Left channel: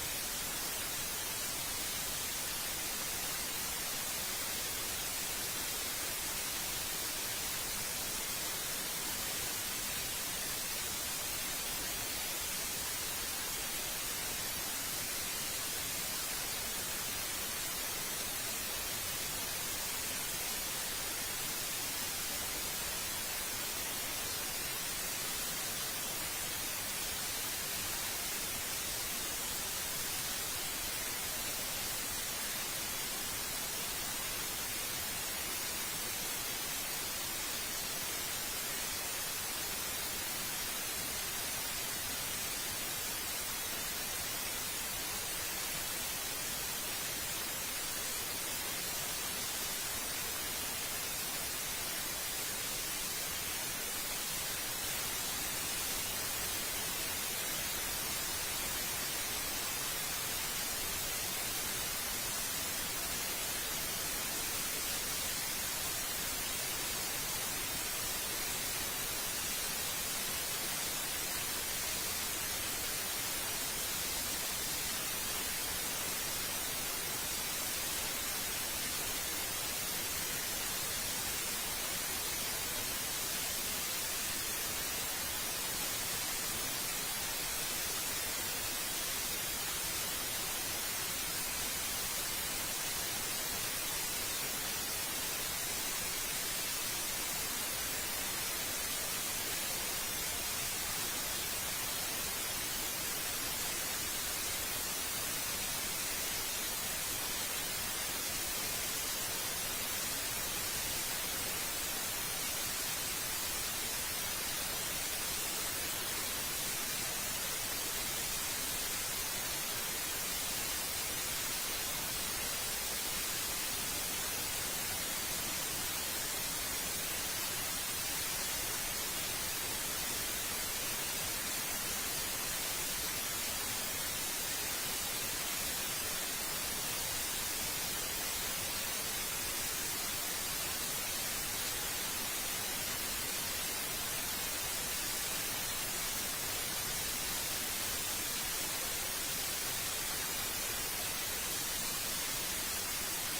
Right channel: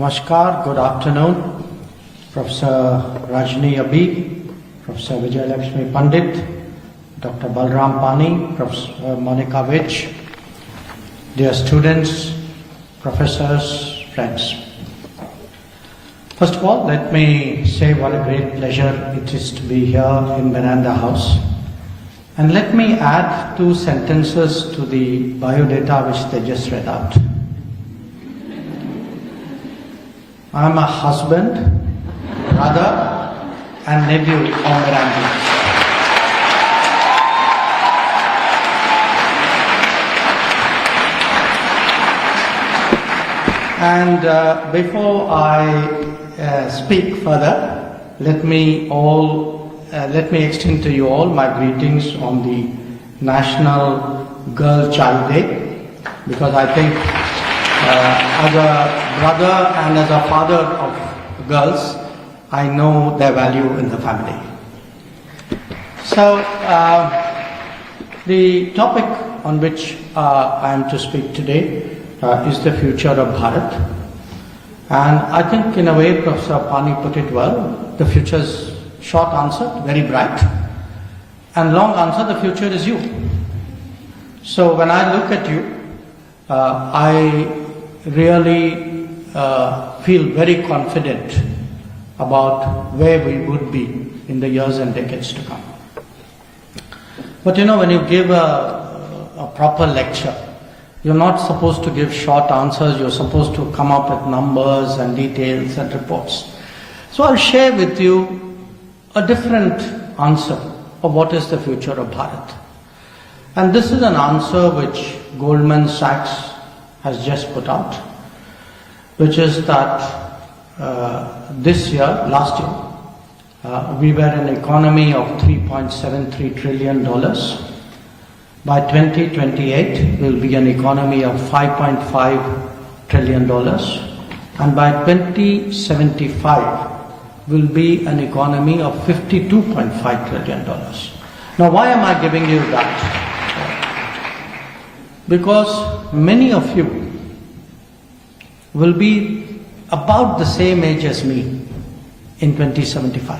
Namaskar, good afternoon. Professor Rajni Abhi, Professor Vijay Lakshmi Pandit, Dr. Balram Pani, Professor Monica Vich, dear students, professors, friends. First of all, let me say what a great pleasure it is to be here in Miranda House. And let me add 2 sentences to the biodata which they just read out. I am a husband, brother, and nephew of Miranda. And before I speak further, let me extend to you all my greetings on the National Girl Child Day, because I think as a brother and as a father of girls, I know their value in the family. So the topic on which I am to speak today is the future of Bharat. And I think in a way Professor Pani put it well, the future is short answer, very bright, and long answer, the future is you. So when I look at you, I really feel very confident about where we would be in the years and decades to come. But you know, when you give a proper lecture, you're not supposed to give short answers, you're supposed to come up with numbers and details and reports. So I'll share with you a different answer of what is the future of Bharat. And this is an answer which Goldman Sachs has just put out, which is that last year, we were an economy of $3.73 trillion. By 2028, we'll be an economy of $5.5 trillion. And by 2075, we'll be an economy of $52.5 trillion. Now, why am I giving you that? Because many of you will be about the same age as me in 2075.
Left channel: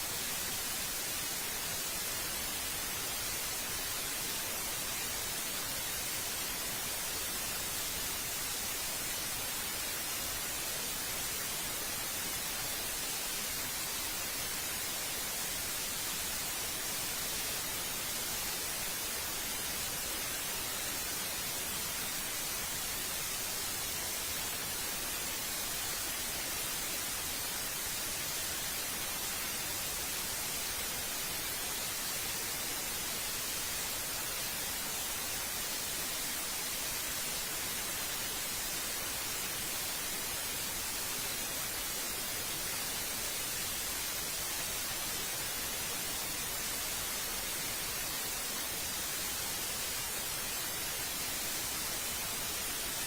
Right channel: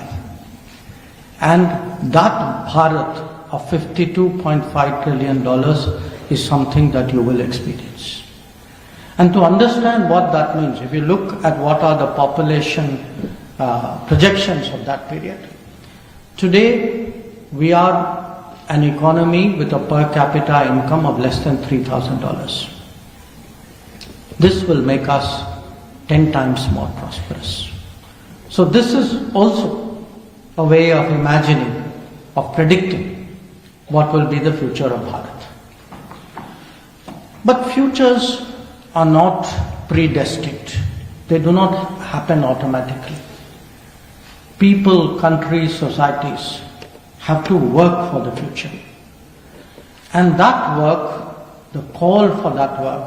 And that Bharat of $52.5 trillion is something that you will experience. And to understand what that means, if you look at what are the population projections of that period, today we are an economy with a per capita income of less than $3,000. This will make us 10 times more prosperous. So this is also a way of imagining, of predicting what will be the future of Bharat. But futures are not predestined. They do not happen automatically. People, countries, societies have to work for the future. And that work, the call for that work,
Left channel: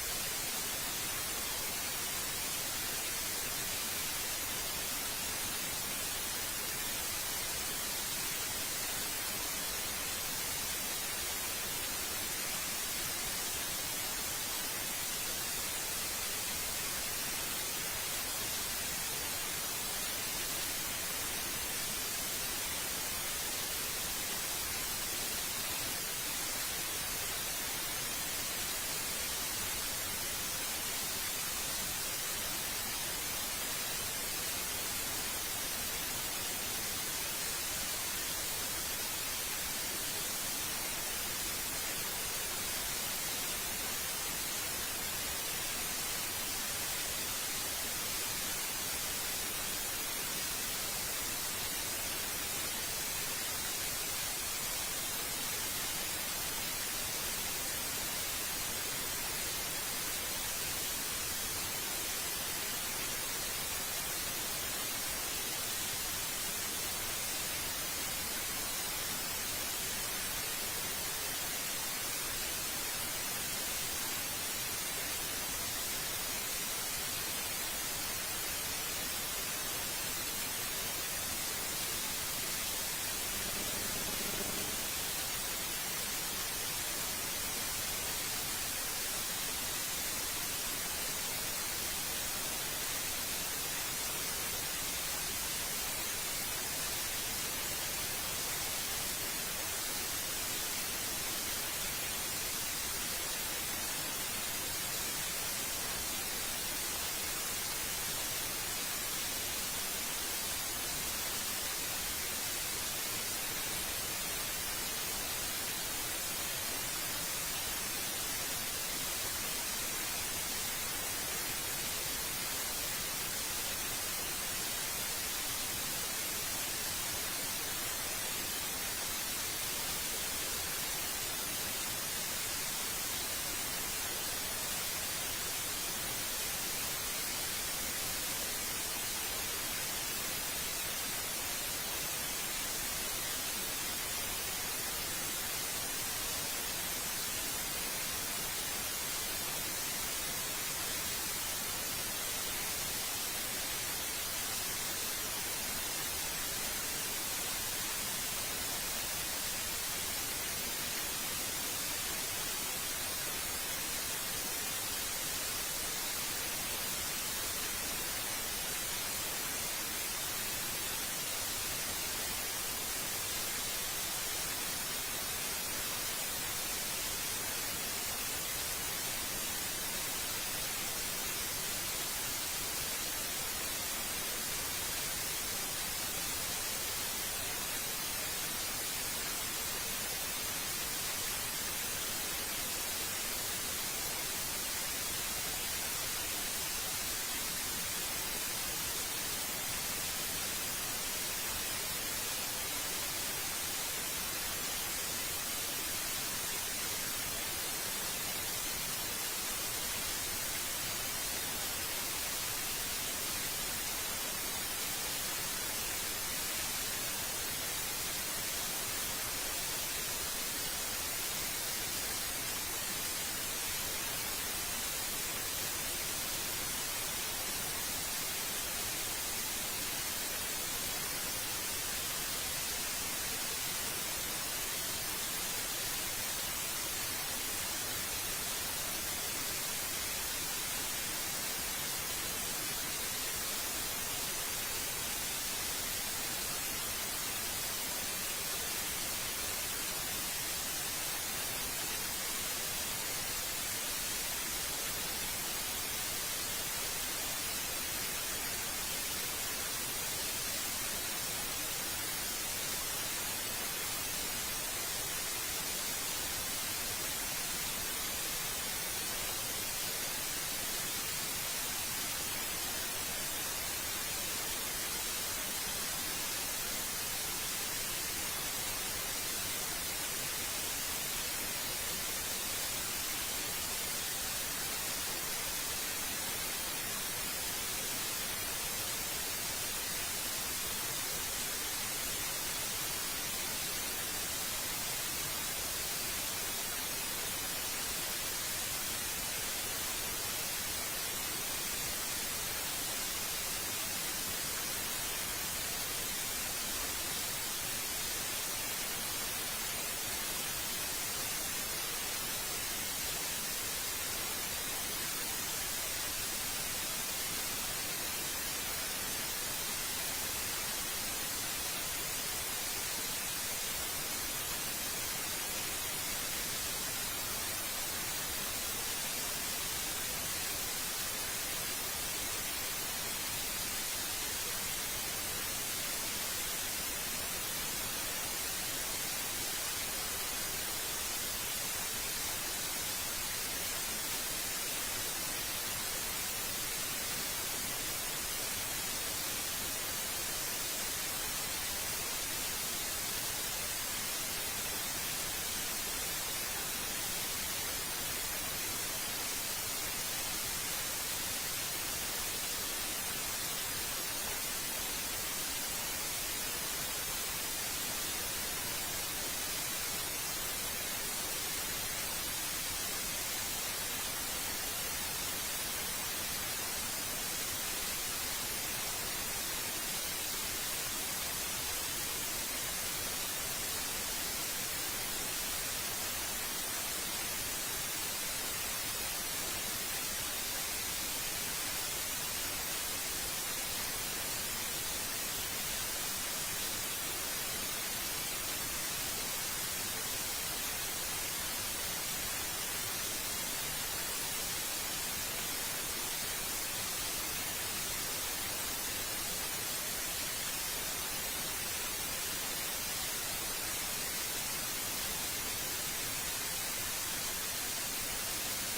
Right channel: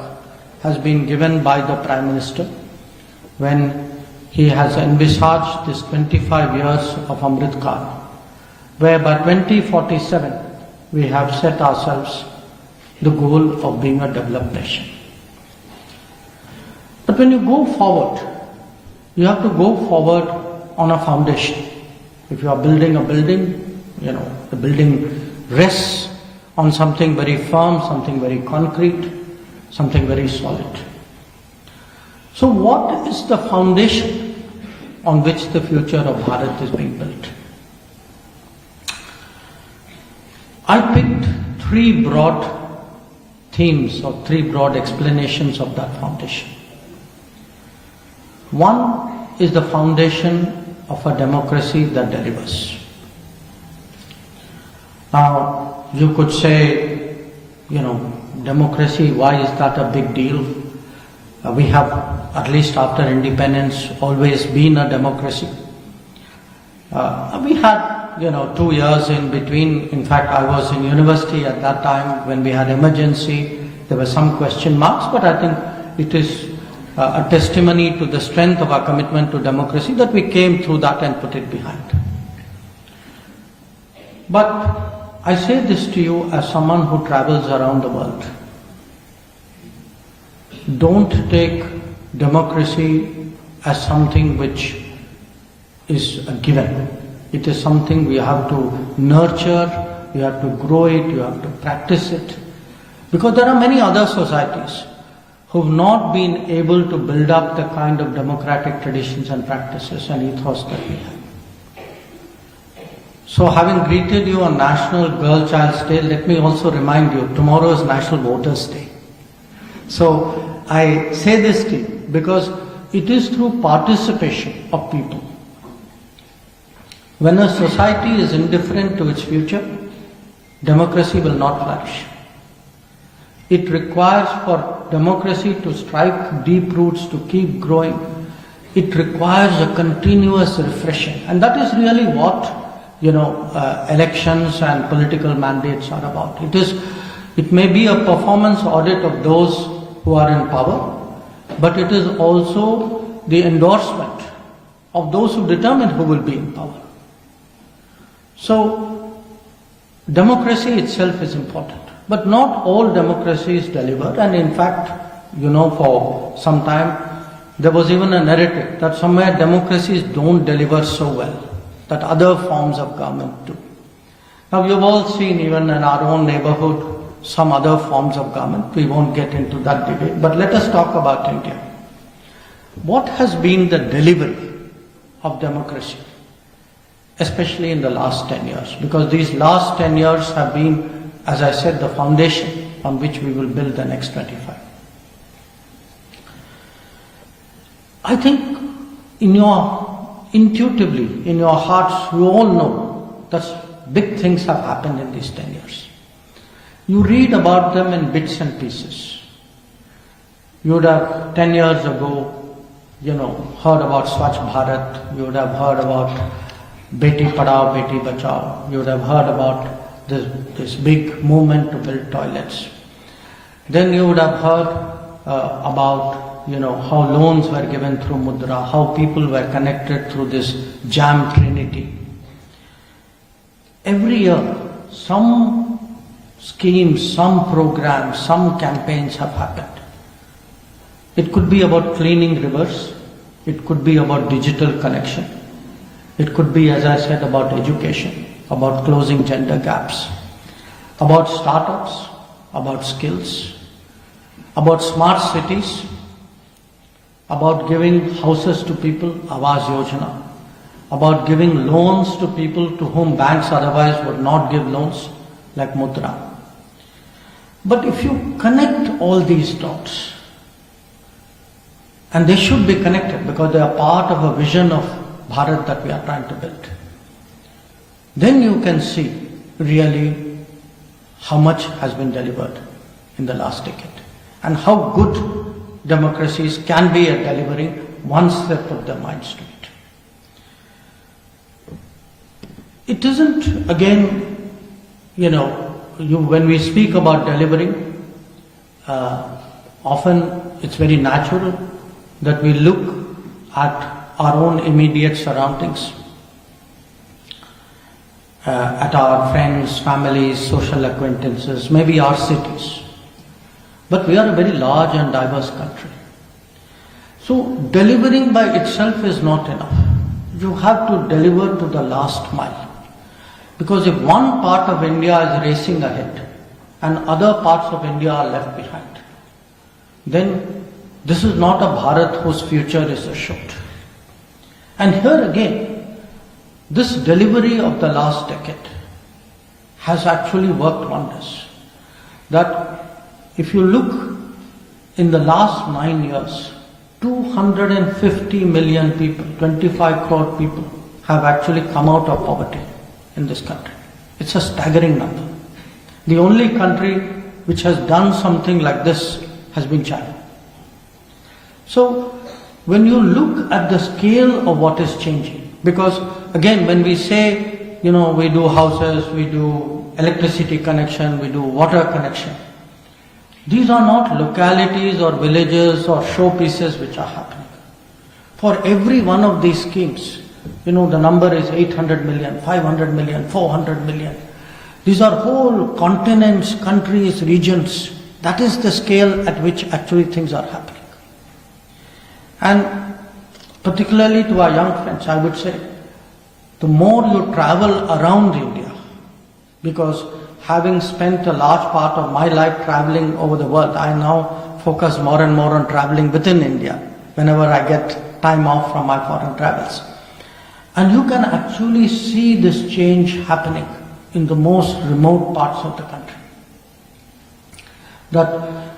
has been given by the Prime Minister when he has envisaged this 25 years of Amrit Kaal, where by 2047 we have set ourselves the goal of being a developed nation. But when you go forward, you have to go forward on a foundation. If you are building a building, the building rests on something very firm, something very concrete, something very solid. So what is the foundation on which the future of Bharat is being built? I picked 3 broad themes or 3 broad explanations of that foundation. One is the foundation of a democracy that delivers. Now, you could say, democracy, why is that a big deal? We have, at least after independence, always been a democracy. We had 2 years in between. In fact, I was in university at that time when we had emergency. There were some question marks, but I think it is a testimony to the strength of our commitment to democracy that we came through that and put it behind. But I say this to you as someone who travels around the world. Don't take democracy as something which is a given. It is something we have to nurture, we have to grow it, you have to practice it. Because there are many other societies who have not been able to build up the kind of democratic traditions and practices and ethos that we have. So having greeted you on National Girl Child's Day, let me also remind you, tomorrow is National Voters' Day. So I say this to you because it is through participation of people. When a society is indifferent to its future, democracy will not flourish. It requires for democracy to strike deep roots, to keep growing. It requires a continuous refreshing. And that is really what, elections and political mandates are about. It may be a performance audit of those who are in power, but it is also the endorsement of those who determine who will be in power. So, democracy itself is important. But not all democracy is delivered, and in fact, for some time, there was even a narrative that somewhere democracies don't deliver so well, that other forms of government do. Now, you've all seen even in our own neighborhood, some other forms of government. We won't get into that debate, but let us talk about India. What has been the delivery of democracy, especially in the last 10 years? Because these last 10 years have been, as I said, the foundation on which we will build the next 25. I think intuitively, in your hearts, you all know that big things have happened in these 10 years. You read about them in bits and pieces. You would have 10 years ago, heard about Swachh Bharat. You would have heard about Beti Padhao, Beti Bachao. You would have heard about this big movement to build toilets. Then you would have heard about how loans were given through Mudra, how people were connected through this jam trinity. Every year, some schemes, some programs, some campaigns have happened. It could be about cleaning rivers. It could be about digital connection. It could be, as I said, about education, about closing gender gaps, about startups, about skills, about smart cities, about giving houses to people, Awas Yojana, about giving loans to people to whom banks otherwise would not give loans, like Mudra. But if you connect all these dots, and they should be connected because they are part of a vision of Bharat that we are trying to build, then you can see really how much has been delivered in the last decade and how good democracies can be at delivering once they put their minds to it. It isn't, again, when we speak about delivering, often it's very natural that we look at our own immediate surroundings, at our friends, families, social acquaintances, maybe our cities. But we are a very large and diverse country. So delivering by itself is not enough. You have to deliver to the last mile. Because if one part of India is racing ahead and other parts of India are left behind, then this is not a Bharat whose future is assured. And here again, this delivery of the last decade has actually worked wonders. That if you look in the last 9 years, 250 million people, 25 crore people have actually come out of poverty in this country. It's a staggering number. The only country which has done something like this has been China. So when you look at the scale of what is changing, because again when we say, we do houses, we do electricity connection, we do water connection, these are not localities or villages or showpieces which are happening. For every one of these schemes, the number is 800 million, 500 million, 400 million. These are whole continents, countries, regions. That is the scale at which actually things are happening. And particularly to our young friends, I would say, the more you travel around India, because having spent a large part of my life traveling over the world, I now focus more and more on traveling within India whenever I get time off from my foreign travels. And you can actually see this change happening in the most remote parts of the country.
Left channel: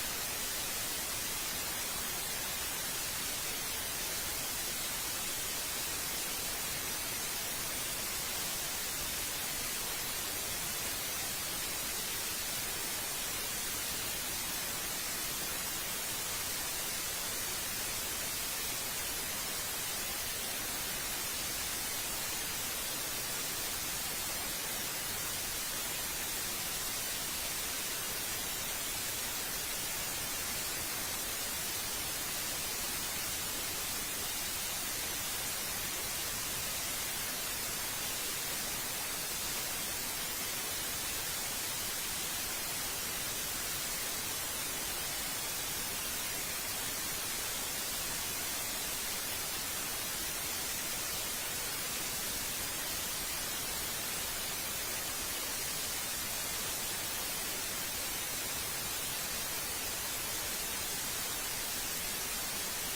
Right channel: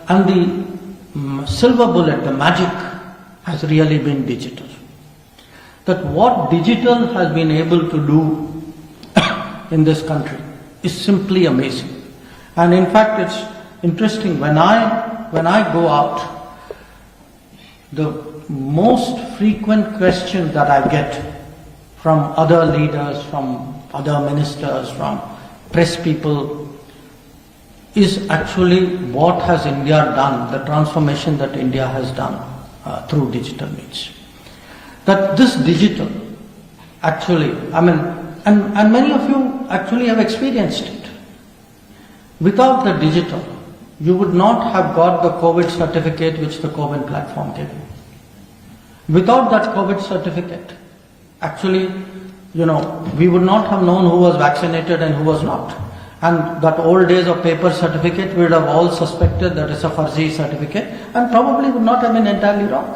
And the silver bullet, the magic, has really been digital. That what digital has been able to do in this country is simply amazing. And in fact, it's interesting, when I go out, the most frequent question that I get from other leaders, from other ministers, from press people, is actually what has India done, the transformation that India has done through digital means. That this digital actually, and many of you actually have experienced it. Without the digital, you would not have got the COVID certificate which the COVID platform gave you. Without that COVID certificate, actually, we would not have known who was vaccinated and who was not. And that old days of paper certificate, we would have all suspected that it's a fuzzy certificate and probably would not have been entirely wrong.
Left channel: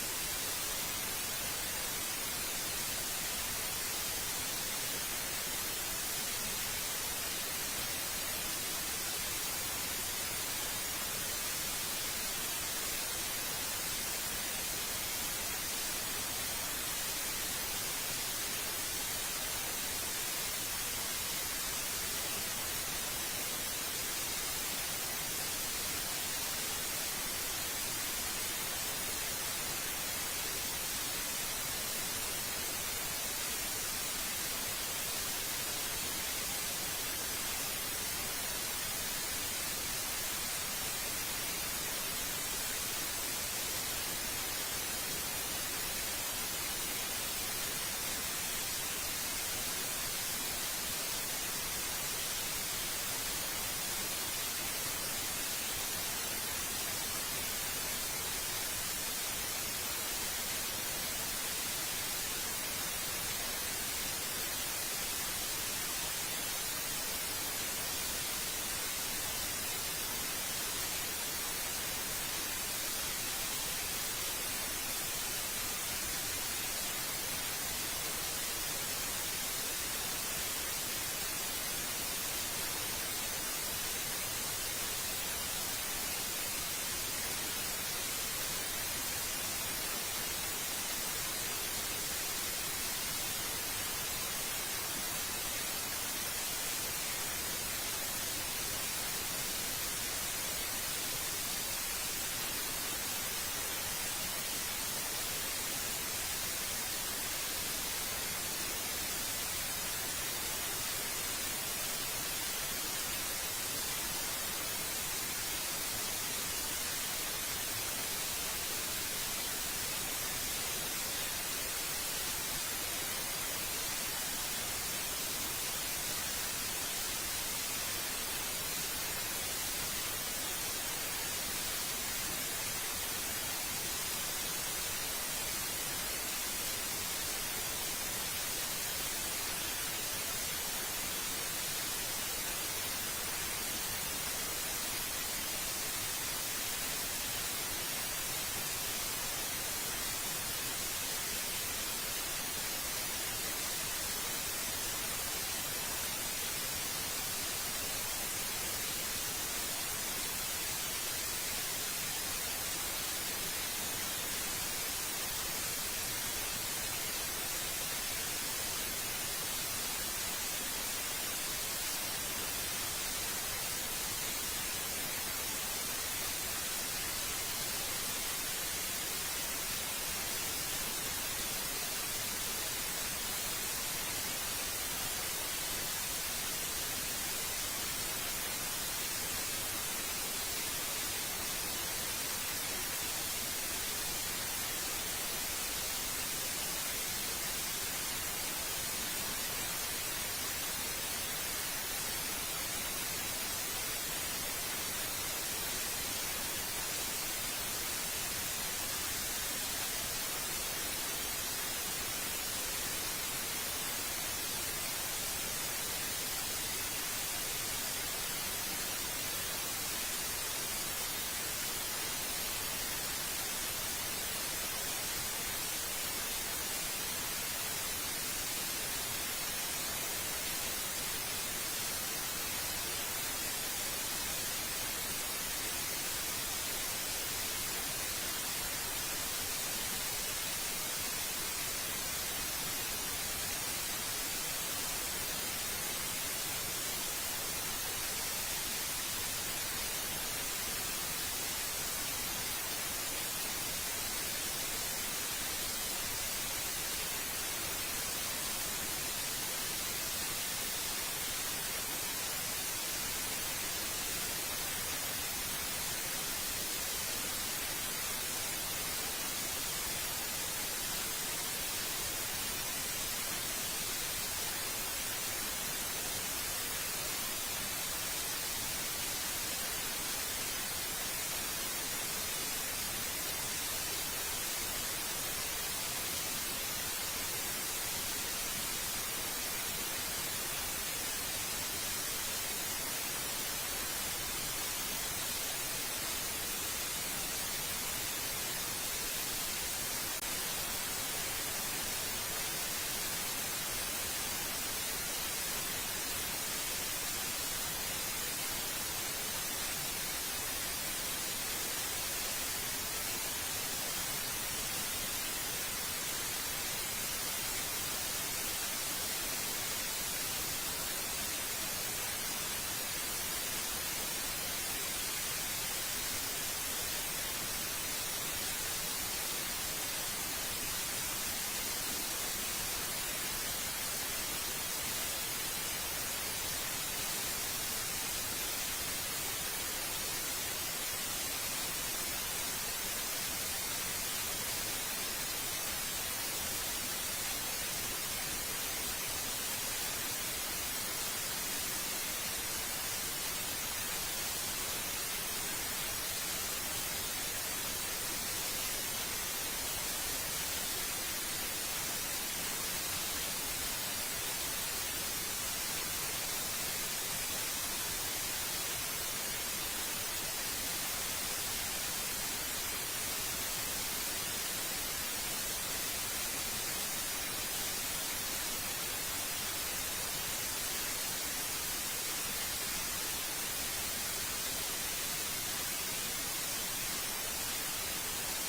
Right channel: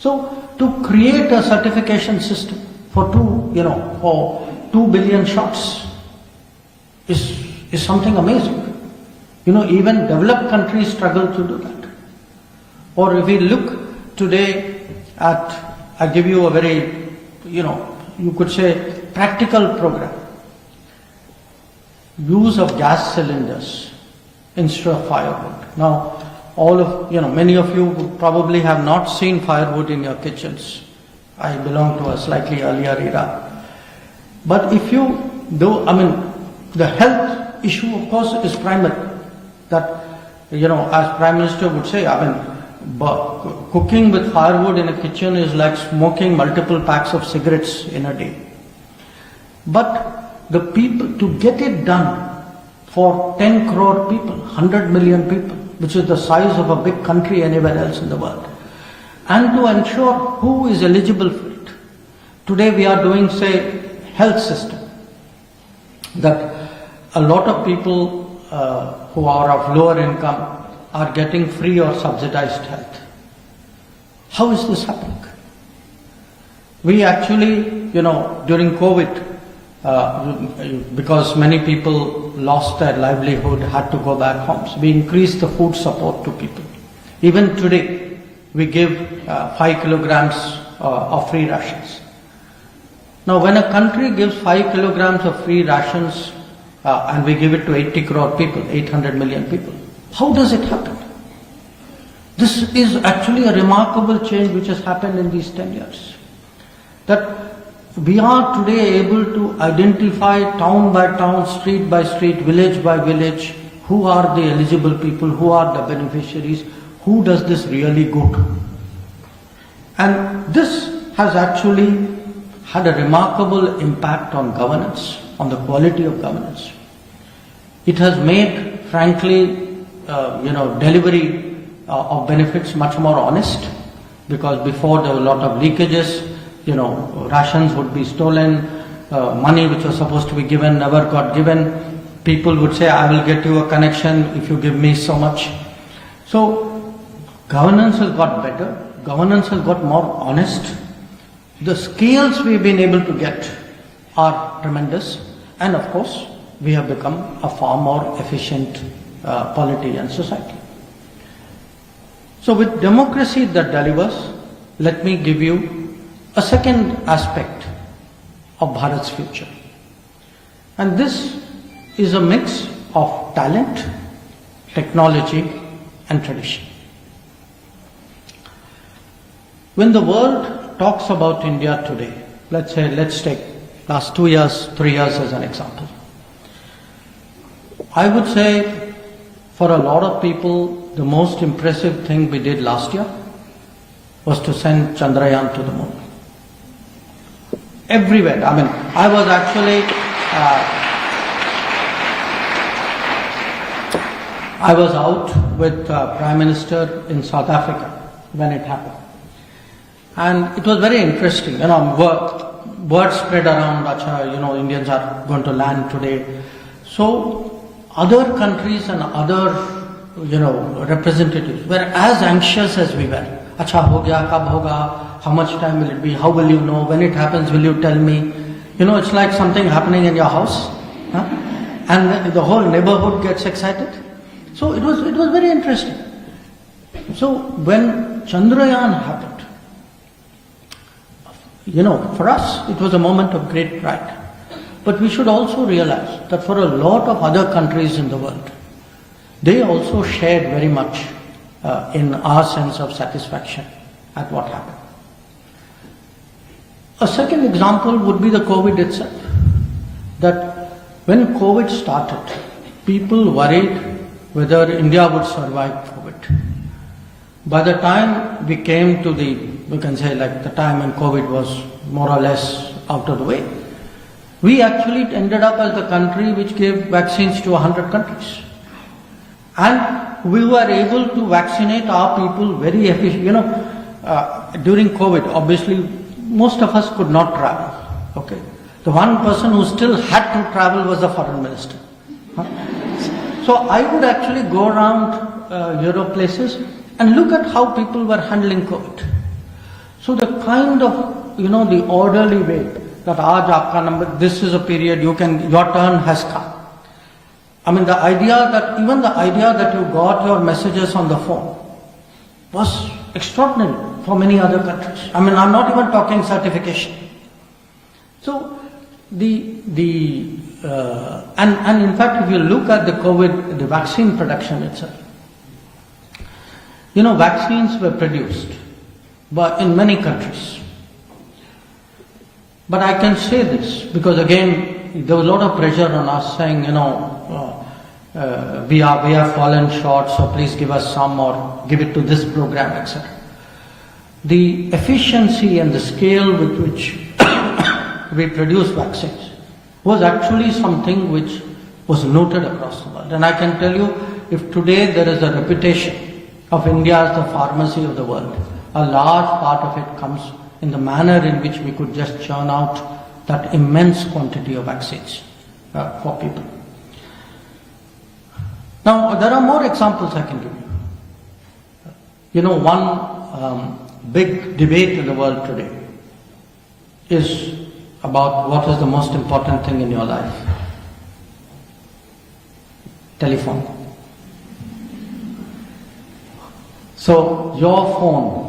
So, to create a certification system for 2 billion shots is something amazing. Even developed countries struggle to do that. Or if we look today at, I give you a very, you could say practical program. Use of gas cylinders instead of firewood. Now, many of you probably have not seen firewood in your kitchens. I belong to a slightly earlier era. But if you do, the health issue, of course, is primary. That, as Prime Minister would say, cooking with firewood in a kitchen is like smoking multiple packs of cigarettes in a day. But the people, to get it done for 10 crore people, 100 million people, which is the size of a big country anywhere else in the world, and to ensure who is eligible for it. Today we are doing, say, health system, that a lot of people who are of lower income are getting free or subsidized health. How is this happening? We actually, during COVID, because many people lost their livelihood, had to go back home. So we increased the food support to people. Even today, we give 5 kilograms of free rations. Now, when a country gives 5 kilograms of free rations and we give it to 80 crore people, 800 million people, how does it happen? This is actually a remarkable change which has happened in these 10 years. That we are today able to identify town by town, street by street, village by village, who are the eligible people, who are the beneficiaries, who does this really go to. And this has actually had a remarkable impact on governance, on the quality of governance. It has made, frankly, delivery of benefits much more honest, because before there were a lot of leakages. Rations would be stolen, money which was supposed to be given never got given. People would say, I will get you a connection if you give me so much. So, governance has got better, governance has got more honest. The scales we've been able to get are tremendous, and of course, we have become a far more efficient polity and society. So, with democracy that delivers, let me give you a second aspect of Bharat's future. And this is a mix of talent, technology and tradition. When the world talks about India today, let's take last 2 years, 3 years as an example. I would say for a lot of people, the most impressive thing we did last year was to send Chandrayaan to the moon. Everywhere. I was actually, I was out with Prime Minister in South Africa when it happened. And it was very interesting, word spread around, Indians are going to land today. So other countries and other, representatives were as anxious as we were. Acha ho gaya, kab hoga, how much time will it be, how will you know, when it happens will you tell me? It's like something happening in your house. Huh? And the whole neighborhood gets excited. So it was very interesting. So when Chandrayaan happened, for us it was a moment of great pride. But we should also realize that for a lot of other countries in the world, they also shared very much in our sense of satisfaction at what happened. A second example would be the COVID itself. That when COVID started, people worried whether India would survive COVID. By the time we came to the time when COVID was more or less out of the way, we actually ended up as the country which gave vaccines to 100 countries. And we were able to vaccinate our people very efficiently. During COVID, obviously, most of us could not travel. Okay, the one person who still had to travel was the foreign minister. So I would actually go around Europe places and look at how people were handling COVID. So the kind of, the orderly way that aaj aapka number, this is a period your turn has come. I mean, the idea that you got your messages on the phone was extraordinary for many other countries. I mean, I'm not even talking certification. So and in fact, if you look at the COVID, the vaccine production itself, vaccines were produced, but in many countries. But I can say this because again, there was a lot of pressure on us saying, we have fallen short, so please give us some or give it to this program, etc. The efficiency and the scale with which we produce vaccines was actually something which was noted across the world. And I can tell you, if today there is a reputation of India as the pharmacy of the world, a large part of it comes in the manner in which we could just churn out that immense quantity of vaccines for people. Now, there are more examples I can give. One big debate in the world today is about what is the most important thing in your life. Telephone. So your phone,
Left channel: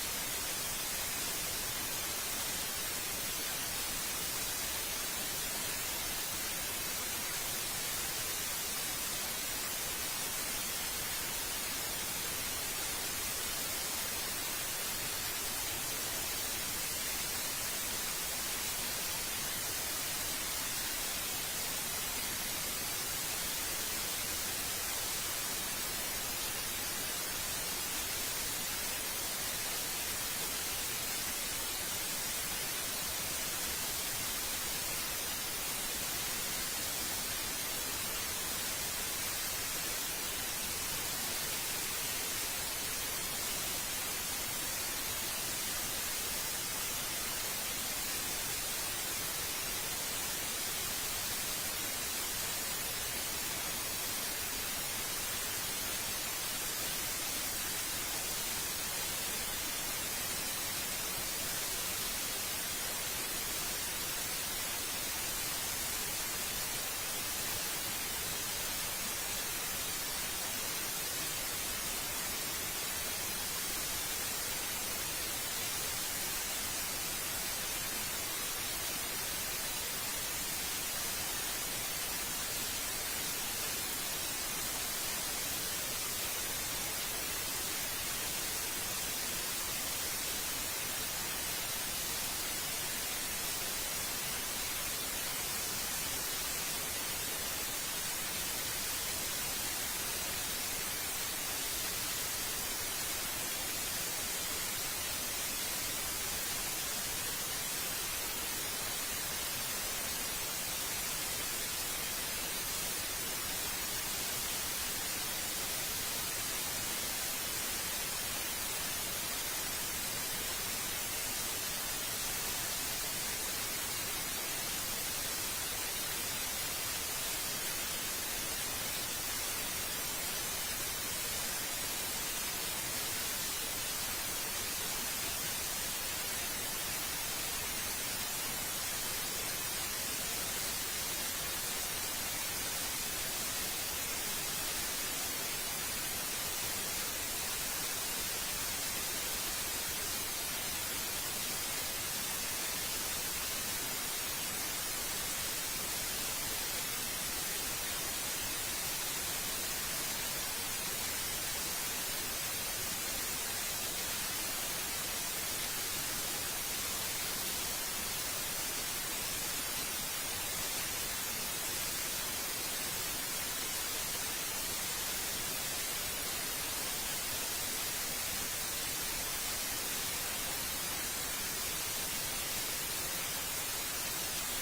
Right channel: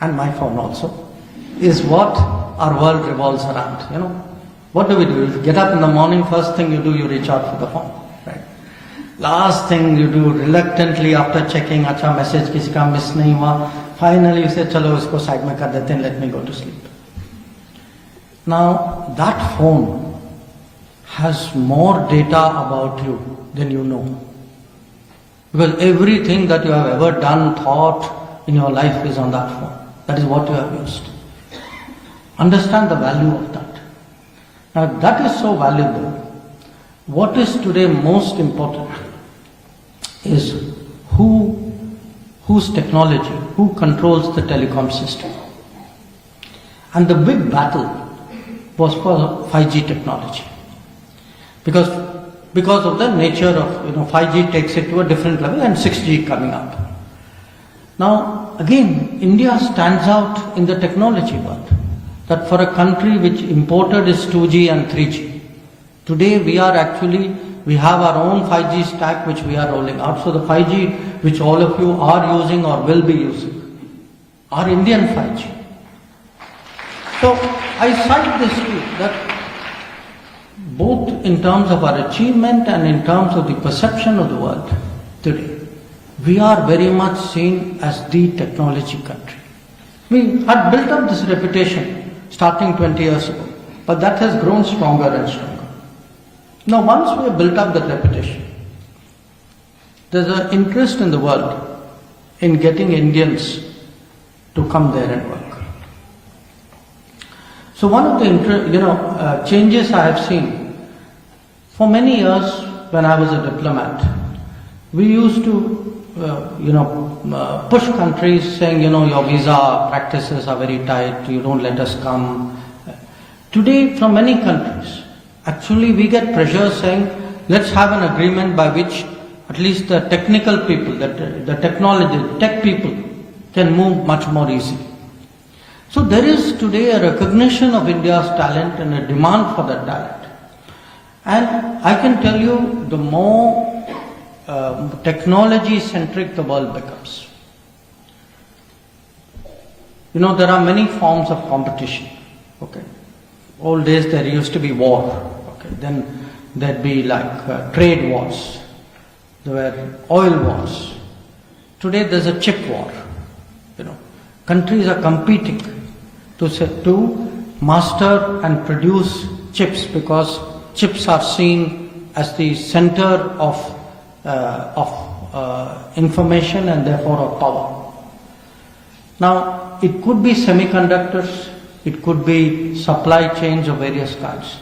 and my phone also, is what our world revolves around. What do? You get up in the morning, first thing you do, you reach out for the phone. Right? Last thing you do, reluctantly after checking, acha message kisi ka miss nahi hua, finally you say, chalo isko side mein kar dete hain, let me go to sleep. Now, that phone has more data about you than you know. Because everything that you have ever done, thought in your life is on that phone. That is what you have used. Understand the value of that. Now, that is so valuable. What is today most important is whose technology, who controls the telecom system. And the big battle was for 5G technology. Because of the nature of 5G takes it to a different level and 6G coming up. Now again, India stands out in the technology world. That for a country which imported its 2G and 3G, today we have our own 5G stack which we are rolling out. So the 5G which all of you are using or will be using are Indian 5G. So I cite this to you that both in terms of our achievement and in terms of the perception of the world today, we are very much seen as the technology country. We had built up this reputation starting 20 years ago, but that has grown stronger and stronger. Now once we have built up that reputation, there's an interest in the world in getting Indians to come there and work. So one of the changes I have seen for many years when I was a diplomat, We used to, push countries saying, your visa practices are very tight, you don't let us come. Today, from many countries, actually we get pressure saying, let's have an agreement by which at least the technical people, the technology, tech people can move much more easily. So there is today a recognition of India's talent and a demand for that talent. And I can tell you, the more technology-centric the world becomes. There are many forms of competition. Okay. Old days there used to be war. Okay. Then there'd be like trade wars. There were oil wars. Today there's a chip war. Countries are competing to master and produce chips, because chips are seen as the center of information and therefore of power. Now, it could be semiconductors, it could be supply chains of various kinds.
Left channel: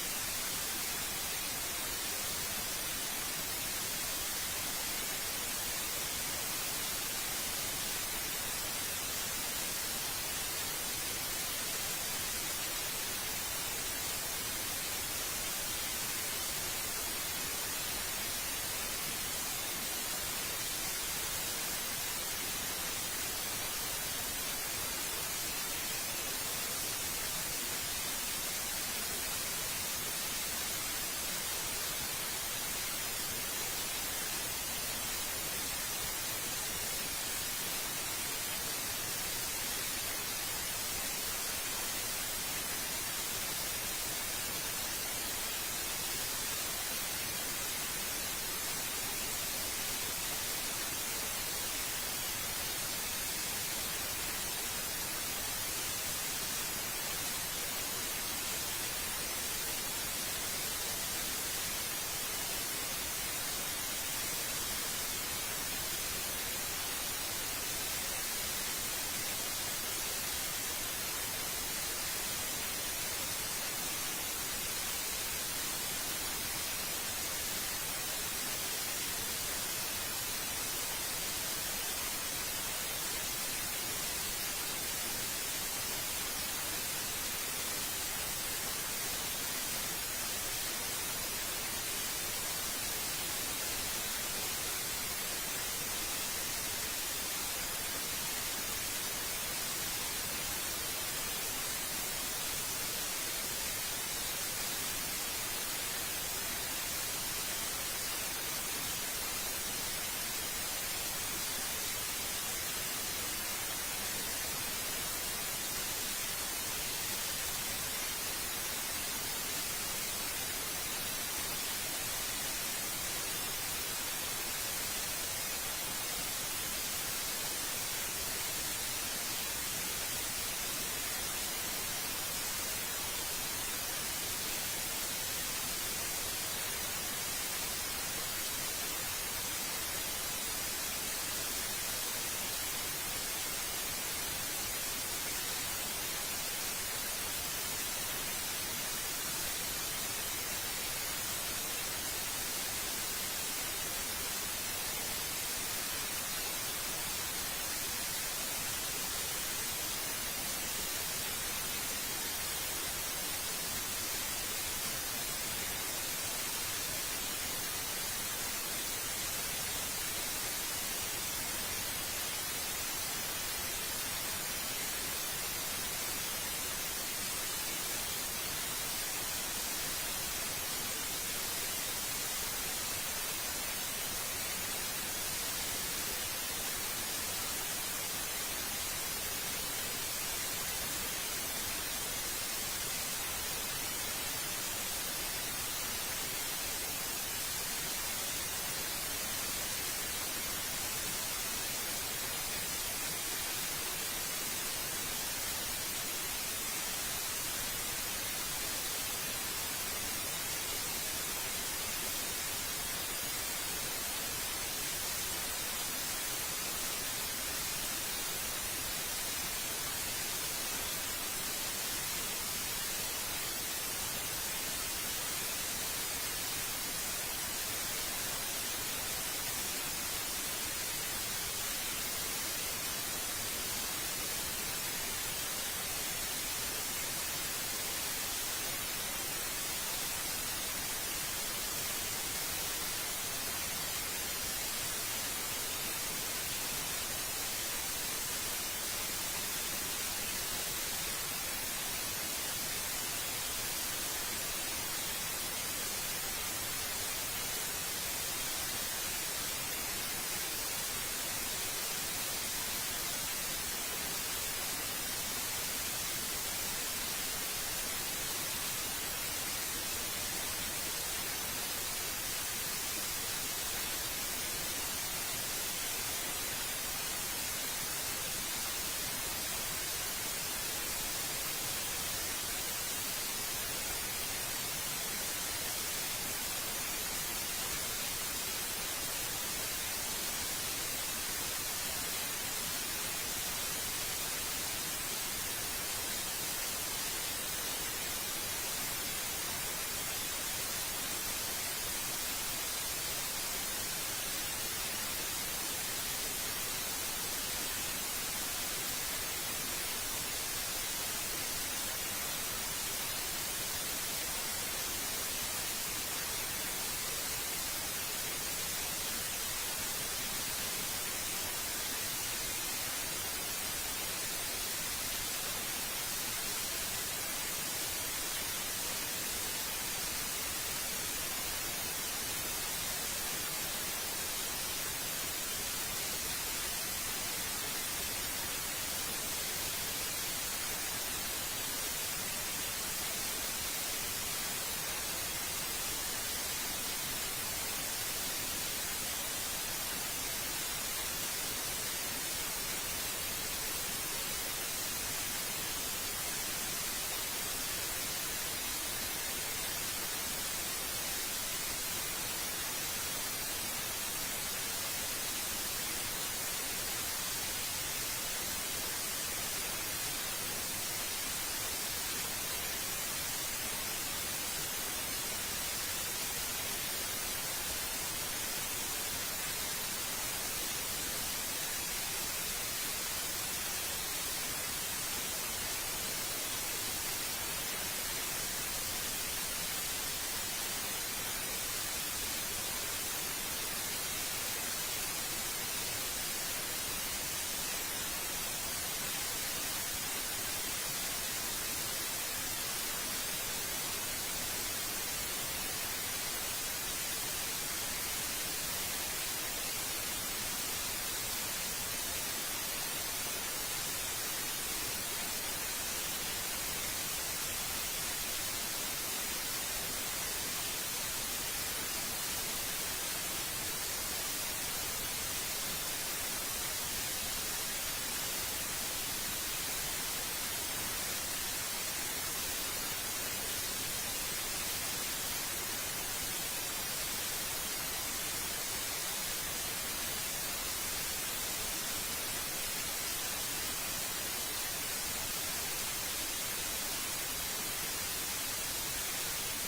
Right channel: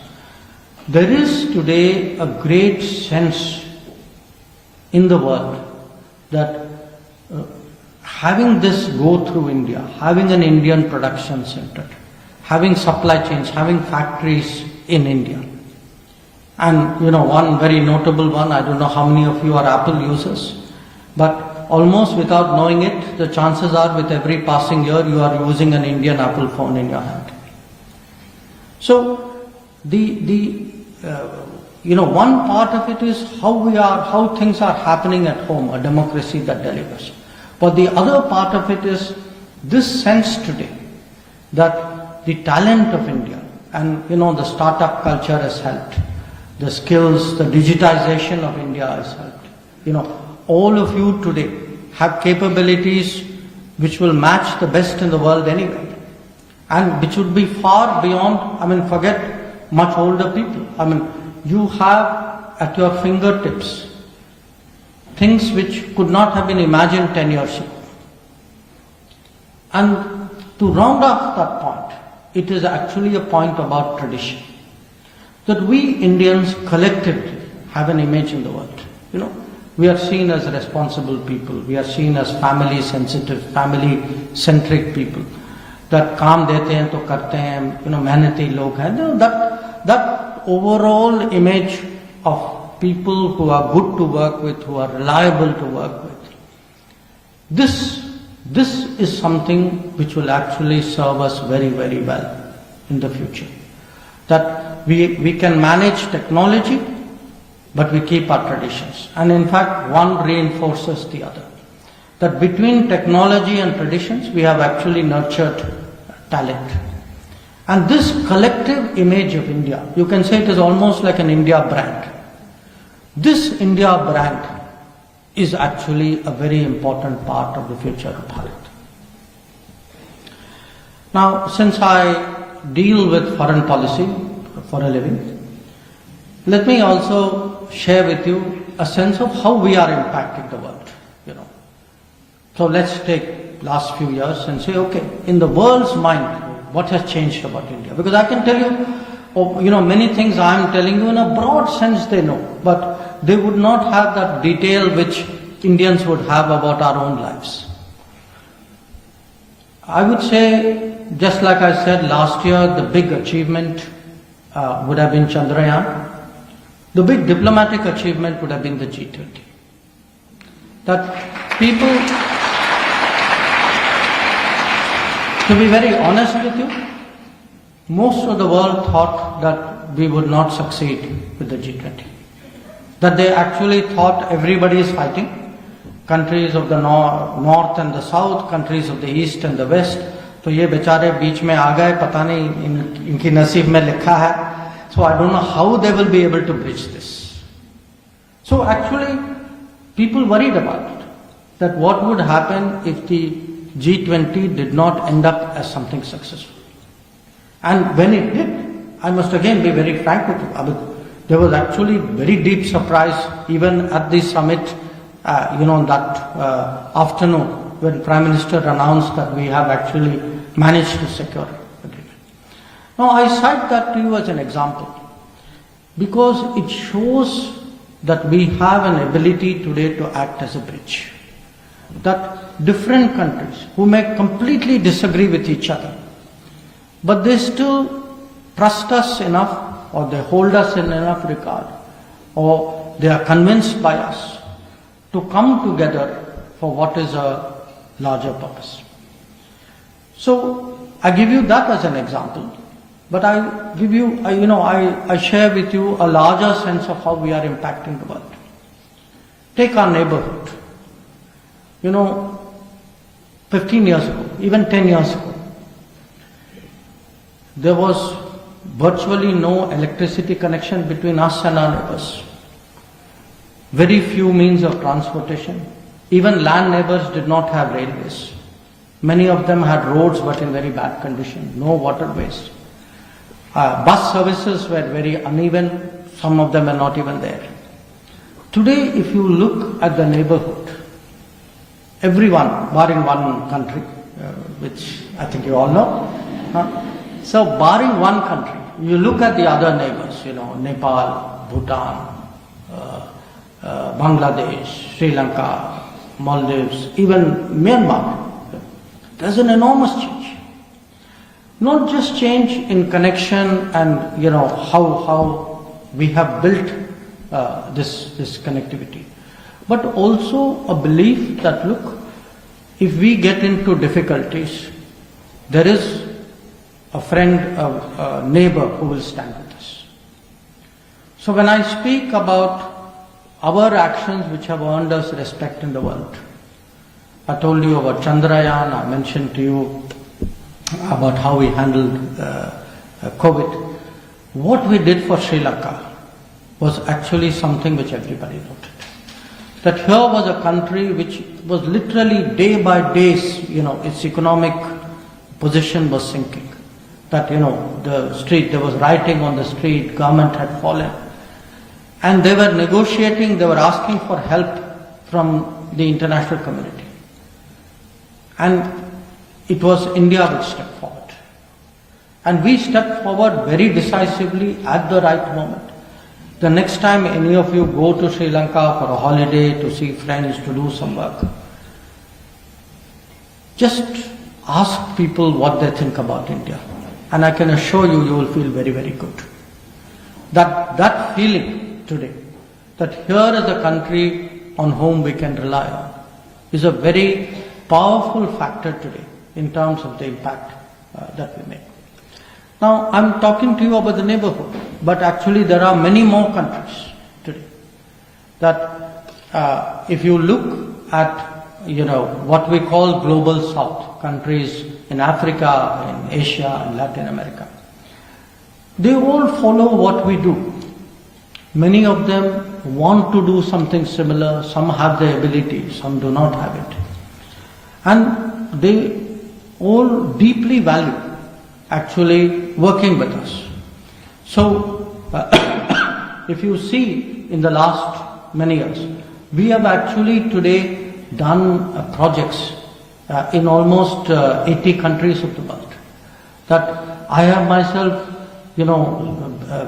There is today a great sense in the world that having this go through India, having an Indian production center, having supply chains, having factories in India. And one very notable one, I don't know how many of you are Apple users, but almost without knowing it, the chances are with every passing year you are using an Indian Apple phone in your hand. So one part of it is how things are happening at home, a democracy that delivers. But the other part of it is this sense today that the talent of India and the startup culture has helped, the skills, the digitization of India has helped. All of you today have capabilities which will match the best in the world anyway, and which would be far beyond, forget much older people. You have at your fingertips things which could not have been imagined 10 years ago. And to round off that point, it is actually a point about tradition. That we Indians collectively have an image in the world. We are seen as responsible people. We are seen as family sensitive, family centric people. That काम देते हैं तो करते हैं, मेहनती लोग हैं. That overall image of people who are good to work with, who are reliable to work with. This is something which will actually serve us very, very well in the future. That we can manage technology, but we keep our traditions. And in fact, one reinforces the other. That between technology and traditions, we have actually nurtured talent. And this collective image of India, you can say it is almost like an India brand. This India brand is actually a very important part of the future of Bharat. Now, since I deal with foreign policy for a living, let me also share with you a sense of how we are impacting the world. So let's take last few years and say, okay, in the world's mind, what has changed about India? Because I can tell you, many things I am telling you in a broad sense they know, but they would not have that detail which Indians would have about our own lives. I would say, just like I said last year, the big achievement would have been Chandrayaan. The big diplomatic achievement would have been the G20. That people, to be very honest with you, most of the world thought that we would not succeed with the G20. That they actually thought everybody is fighting. Countries of the north and the south, countries of the east and the west. तो ये बेचारे बीच में आ गए, पता नहीं इनकी नसीब में लिखा है. So I don't know how they will be able to bridge this. So actually, people worried about it. That what would happen if the G20 did not end up as something successful. And when it did, I must again be very frank with you. There was actually very deep surprise even at the summit, that afternoon when the Prime Minister announced that we have actually managed to secure it. Now I cite that to you as an example because it shows that we have an ability today to act as a bridge. That different countries who may completely disagree with each other, but they still trust us enough, or they hold us in enough regard, or they are convinced by us to come together for what is a larger purpose. So I give you that as an example, but I give you, I share with you a larger sense of how we are impacting the world. Take our neighborhood. 15 years ago, even 10 years ago, there was virtually no electricity connection between us and our neighbors. Very few means of transportation. Even land neighbors did not have railways. Many of them had roads but in very bad condition, no waterways. Bus services were very uneven, some of them are not even there. Today, if you look at the neighborhood, everyone, barring one country, which I think you all know. So barring one country, you look at the other neighbors, Nepal, Bhutan, Bangladesh, Sri Lanka, Maldives, even Myanmar. There's an enormous change. Not just change in connection and how we have built this connectivity, but also a belief that, look, if we get into difficulties, there is a friend, a neighbor who will stand with us. So when I speak about our actions which have earned us respect in the world, I told you about Chandrayaan, I mentioned to you about how we handled COVID. What we did for Sri Lanka was actually something which everybody wanted. That here was a country which was literally day by day, its economic position was sinking. That, the street, there was rioting on the street, government had fallen. And they were negotiating, they were asking for help from the international community. And it was India which stepped forward. And we stepped forward very decisively at the right moment. The next time any of you go to Sri Lanka for a holiday, to see friends, to do some work, just ask people what they think about India. And I can assure you, you will feel very, very good. That feeling today, that here is a country on whom we can rely on, is a very powerful factor today in terms of the impact that we make. Now, I'm talking to you about the neighborhood, but actually there are many more countries today that if you look at, what we call global south, countries in Africa, in Asia, and Latin America, they all follow what we do. Many of them want to do something similar, some have the ability, some do not have it. And they all deeply value actually working with us. So, if you see in the last many years, we have actually today done projects in almost 80 countries of the world. That I have myself,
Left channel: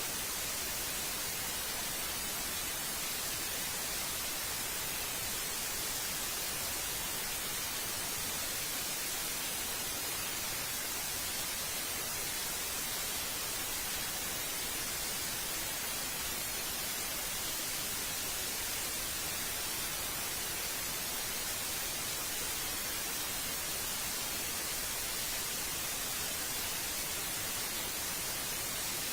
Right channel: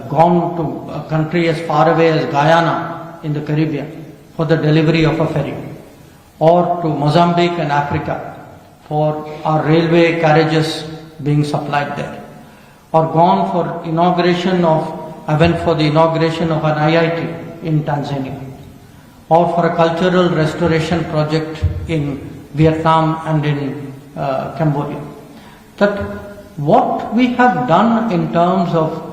gone to a country as far away as Guyana in the Caribbean for the delivery of a ferry, or to Mozambique and Africa for our railway carriages being supplied there, or gone for I went for the inauguration of an IIT in Tanzania, or for a cultural restoration project in Vietnam and in Cambodia. That what we have done in terms of,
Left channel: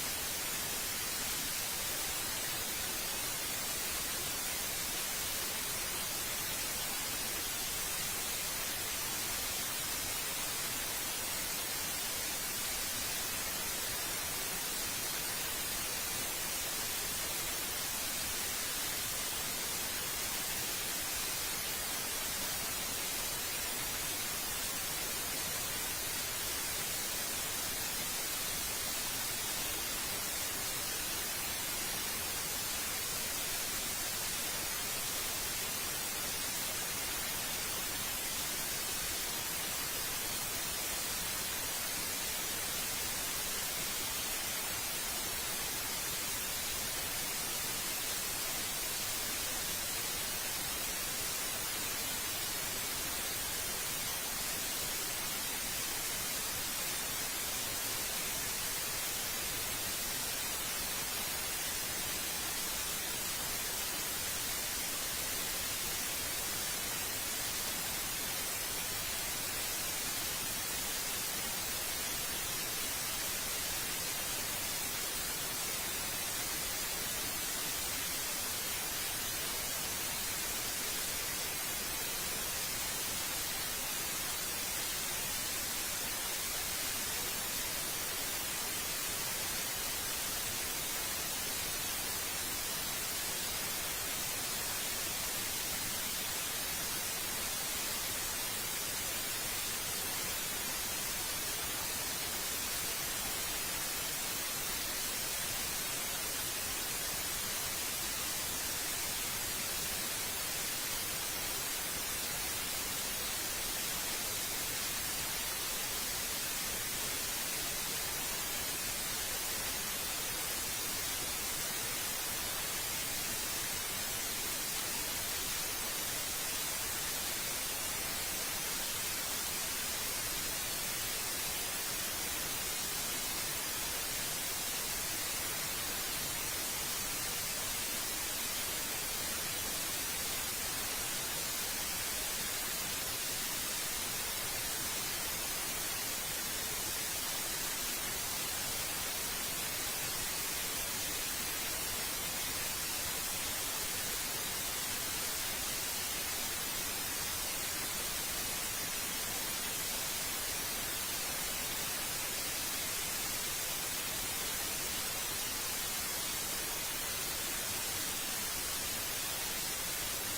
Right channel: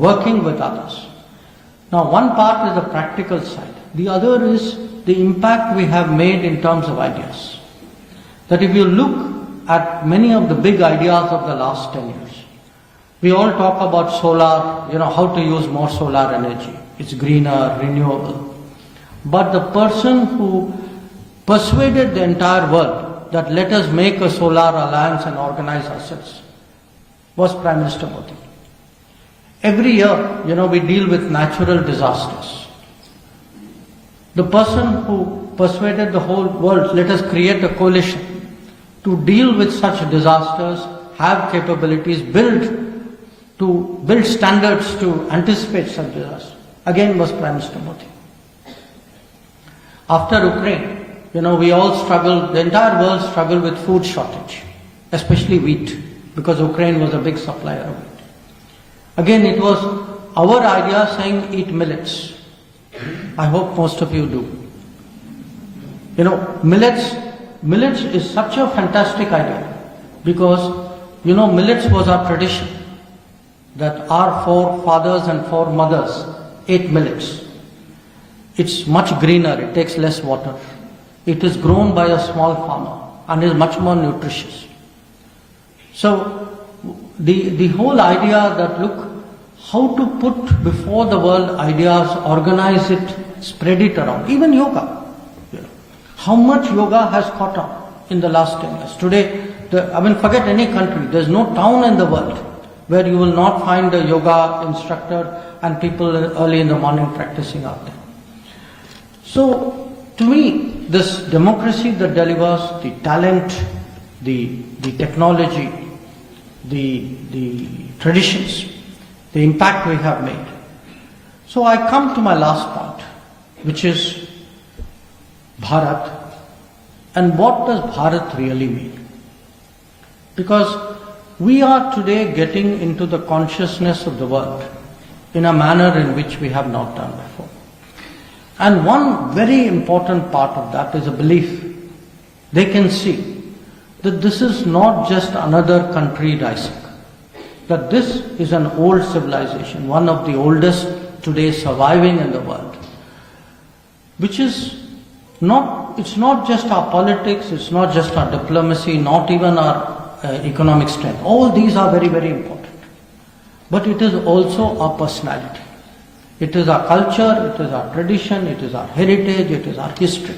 working with others. Now, one part is the practical side. The other is the impact we have made in terms of ideas. That if you look at many of the big ideas of the last 10 years, we all talk about solar, how to use more solar energy. It's greener, renewable. But the person who persuaded the entire world that let us make a solar alliance and organize ourselves was Prime Minister Modi. Every year, we deal with natural disasters. The person who persuaded the whole world, let us create a coalition to deal with such disasters, have capabilities, build standards to anticipate such disasters, again was Prime Minister Modi. After Ukraine, we all struggled, the entire world struggled with food shortage, especially wheat, because Ukraine was a big supplier of wheat. Again, it was our idea saying eat millets. I hope most of you do. Millets is such a fantastic idea because, millets was our tradition, that our forefathers and foremothers ate millets. It's much greener, it takes less water. It is grown by a small farmer and is much more nutritious. So the whole idea that look, how to put before the world ideas, organize it, spread it around, even yoga. How much yoga has caught on in the last 10 years. Today, forget any country, there's no town in the world where you will not find a yoga instructor and people early in the morning practicing out there. So, to me, this democracy that delivers the talent, the technology, the traditions, the impact we have made. So I come to my last point, which is Bharat. And what does Bharat really mean? Because we are today getting into the consciousness of the world in a manner in which we have not done before. And one very important part of that is a belief. They can see that this is not just another country rising, that this is an old civilization, one of the oldest today surviving in the world, which is it's not just our politics, it's not just our diplomacy, not even our economic strength. All these are very, very important. But it is also our personality. It is our culture, it is our tradition, it is our heritage, it is our history.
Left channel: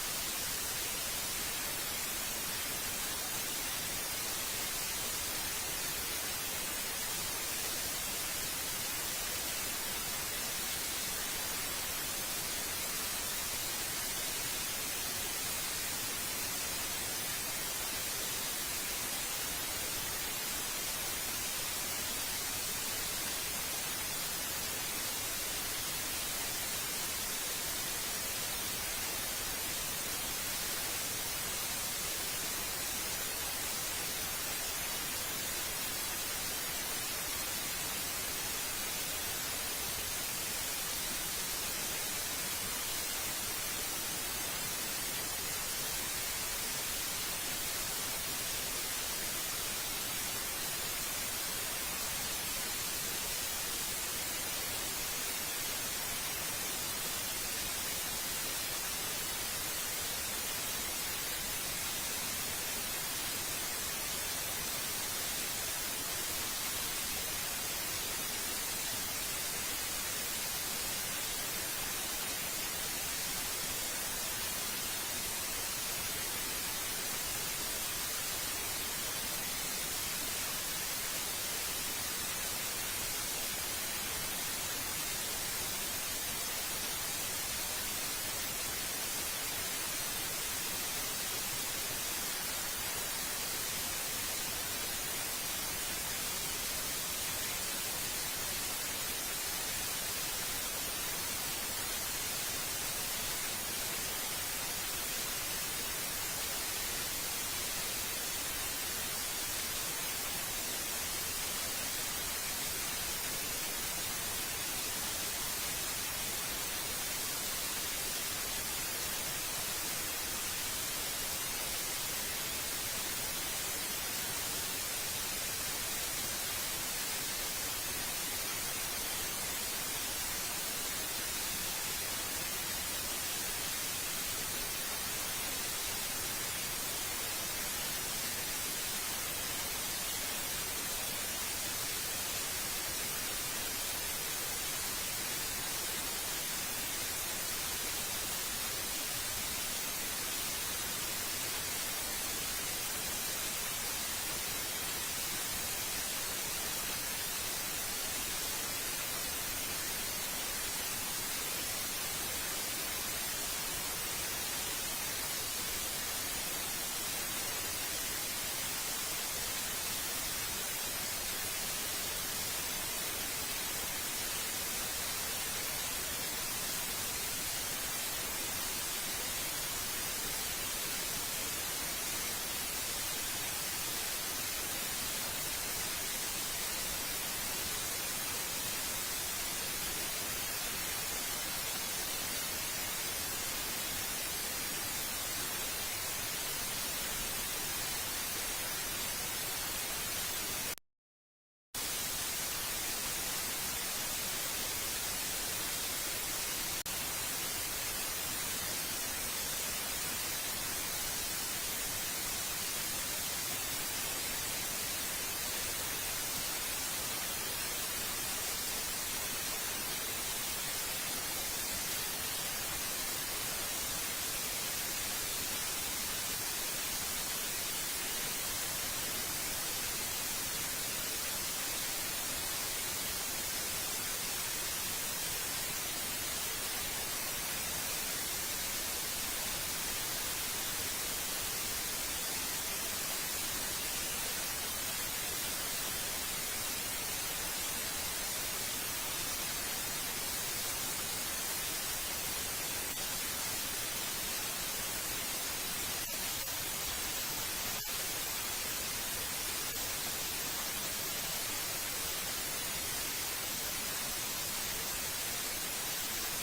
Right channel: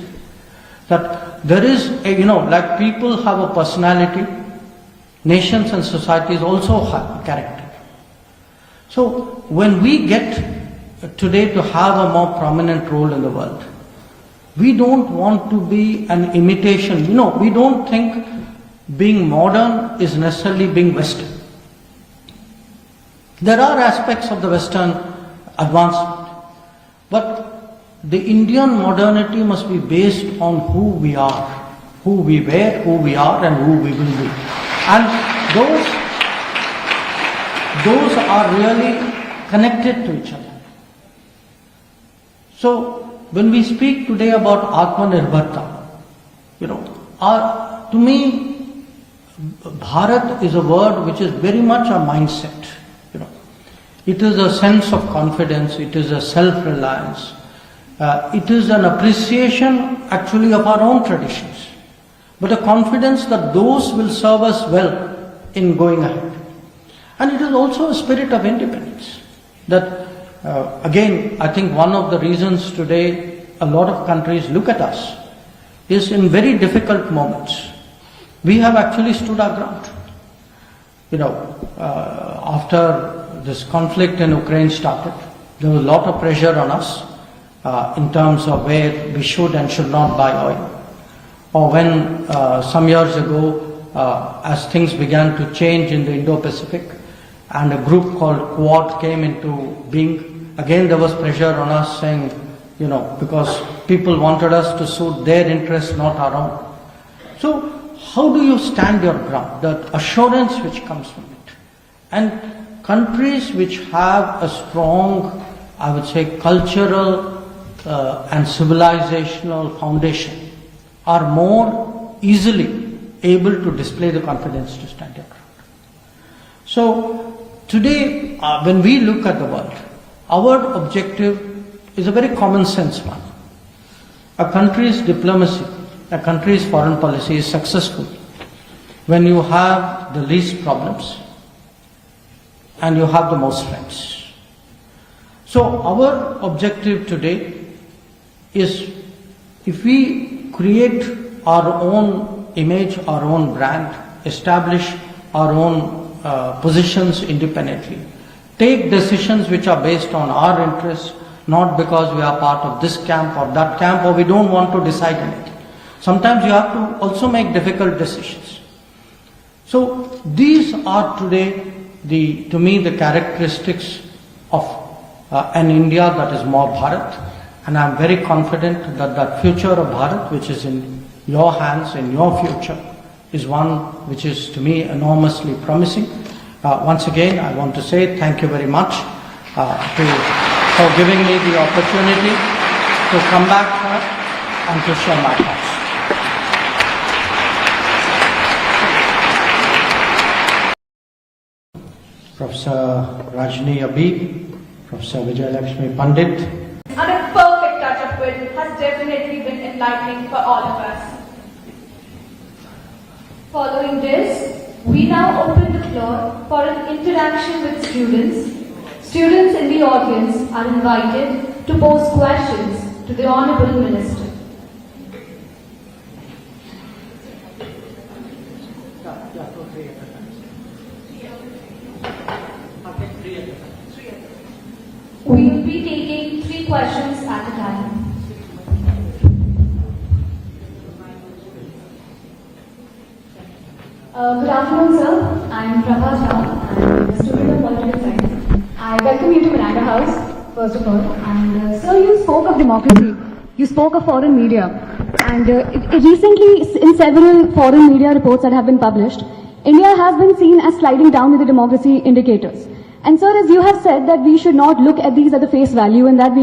That there is, like people have a personality, nations and societies also have a character. So when we get today to have a more prominent role in the world, we don't want to be an imitation. We don't think being modern is necessarily being Western. There are aspects of the Western advancement, but the Indian modernity must be based on who we are, who we were, who we are, and who we will be. And those are really connected to each other. So when we speak today about Atmanirbharta, to me, Bharat is a word which is very much a mindset. It is a sense of confidence, it is a self-reliance, it is an appreciation actually of our own traditions, but a confidence that those will serve us well in going ahead. And it is also a spirit of independence. That again, I think one of the reasons today a lot of countries look at us is in very difficult moments. We have actually stood our ground. After this conflict in Ukraine started, there was a lot of pressure on us in terms of where we should and should not buy oil. Or when some years ago, as things began to change in the Indo-Pacific and a group called Quad came into being, again there was pressure on us saying, because people wanted us to suit their interests, not our own. So how do you stand your ground? The assurance which comes from it. And countries which have a strong, I would say, cultural and civilizational foundation are more easily able to display the confidence to stand their ground. So today, when we look at the world, our objective is a very common sense one. A country's diplomacy, a country's foreign policy is successful when you have the least problems and you have the most friends. So our objective today is, if we create our own image, our own brand, establish our own positions independently, take decisions which are based on our interests, not because we are part of this camp or that camp, or we don't want to decide anything. Sometimes you have to also make difficult decisions. So these are today to me the characteristics of an India that is more Bharat. And I'm very confident that the future of Bharat, which is in your hands, in your future, is one which is to me enormously promising. Once again, I want to say thank you very much for giving me the opportunity to come back and to share my thoughts. Professor Rajni Abhi, Professor Vijayalakshmi Pandit. And a perfect touch-up which has definitely been enlightening for all of us. Following this, we now open the floor for an interaction with students. Students in the audience are invited to pose questions to the Honorable Minister. We will be taking 3 questions at a time. Good afternoon, sir. I'm Prabha Shah, and a student of Political Science. I welcome you to Miranda House, first of all. And sir, you spoke of democracy. You spoke of foreign media. And recently, in several foreign media reports that have been published, India has been seen as sliding down with the democracy indicator. And sir, as you have said that we should not look at these at the face value and that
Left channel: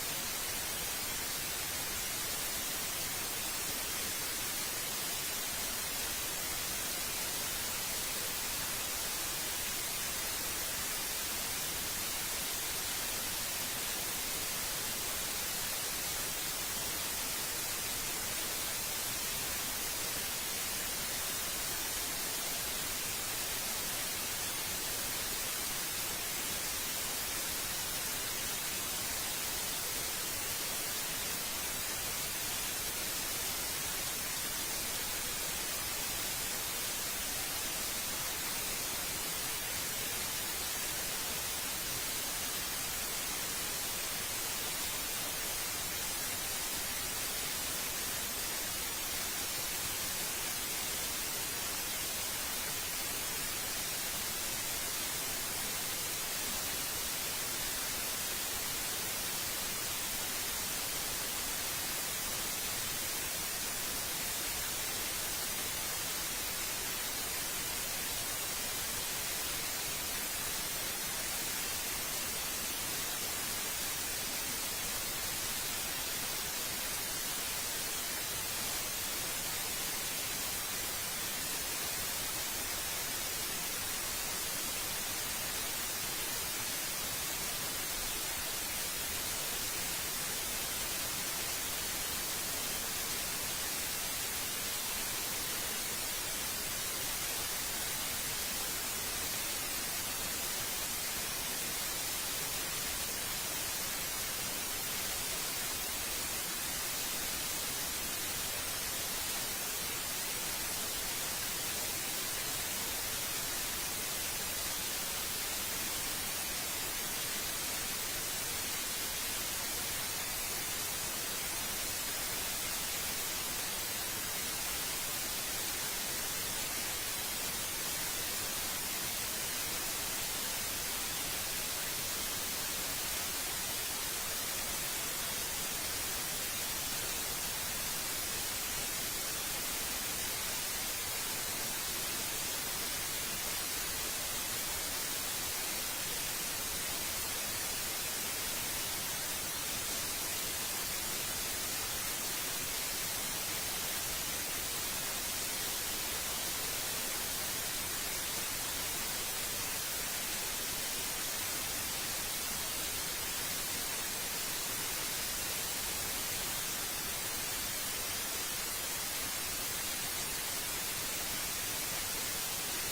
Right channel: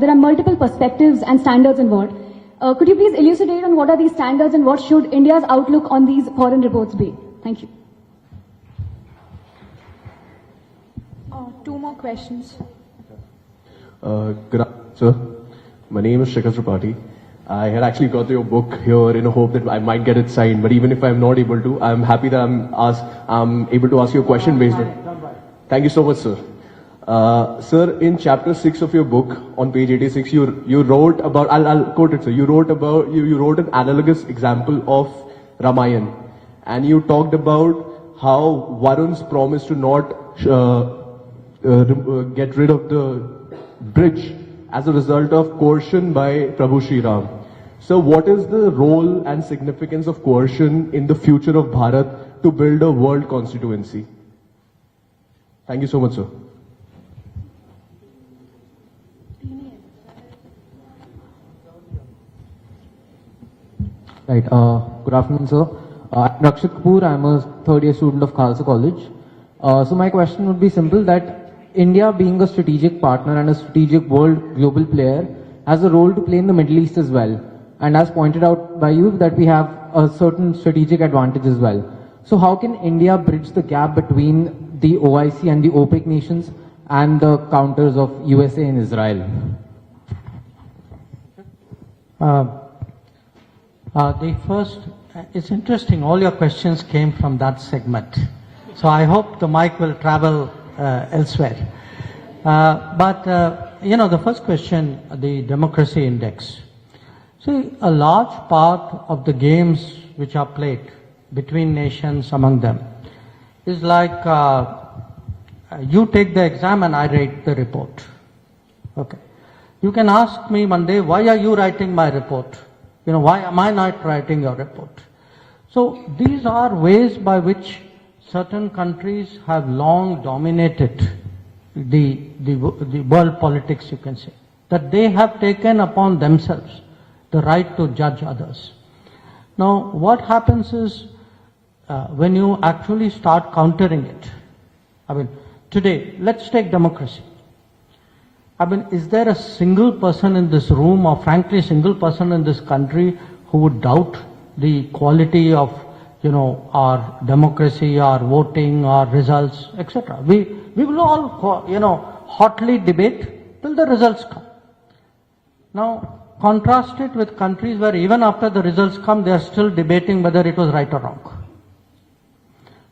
there are multiple perspectives and standards involved. Could you please elucidate on what are these standards and what should India's outlook on these foreign reports be? Thank you. 2 more questions. Good afternoon, sir. My name is Shikhar Tripathi. I had actually got your book here in a hope that I might get it signed, but even if I'm not able to, I'm happy that I'm able to ask you a question based on. Thank you so much, sir. Sir, in chapter 6 of your book, on page 86, you wrote about, I'll quote it, sir. You wrote an analogous example of Ramayana, and you talked about how Varun's promise to not get rid of the bridge as a result of coercion by Prabhu Sri Ram. So what is the role and significance of coercion in the future of Bharat to build a world constituency? Thank you so much, sir. Right. Good afternoon, sir. I'm Rakshit Kapoor. I'm a third-year student of Khalsa College. So my question would be simple, that India, being a strategic partner and a strategic world global player, has a role to play in the Middle East as well. And as pointed out by you, that we have a certain strategic advantage as well. So how can India bridge the gap between the OIC and the OPEC nations and the counters of USA and Israel? The first, it's interesting, all your questions came from that segment. So I hope the mic will travel elsewhere. The first question, the democracy index. So a large part of the games which are played between nations among them is like you take the exam and I write the report. Okay. You can ask me one day, why are you writing my report? Why am I not writing your report? So these are ways by which certain countries have long dominated the world politics, you can say. That they have taken upon themselves the right to judge others. Now, what happens is, when you actually start countering it, today, let's take democracy. Is there a single person in this room, or frankly, single person in this country who would doubt the quality of, our democracy, our voting, our results, etc.? We will all, hotly debate till the results come. Now, contrast it with countries where even after the results come, they are still debating whether it was right or wrong.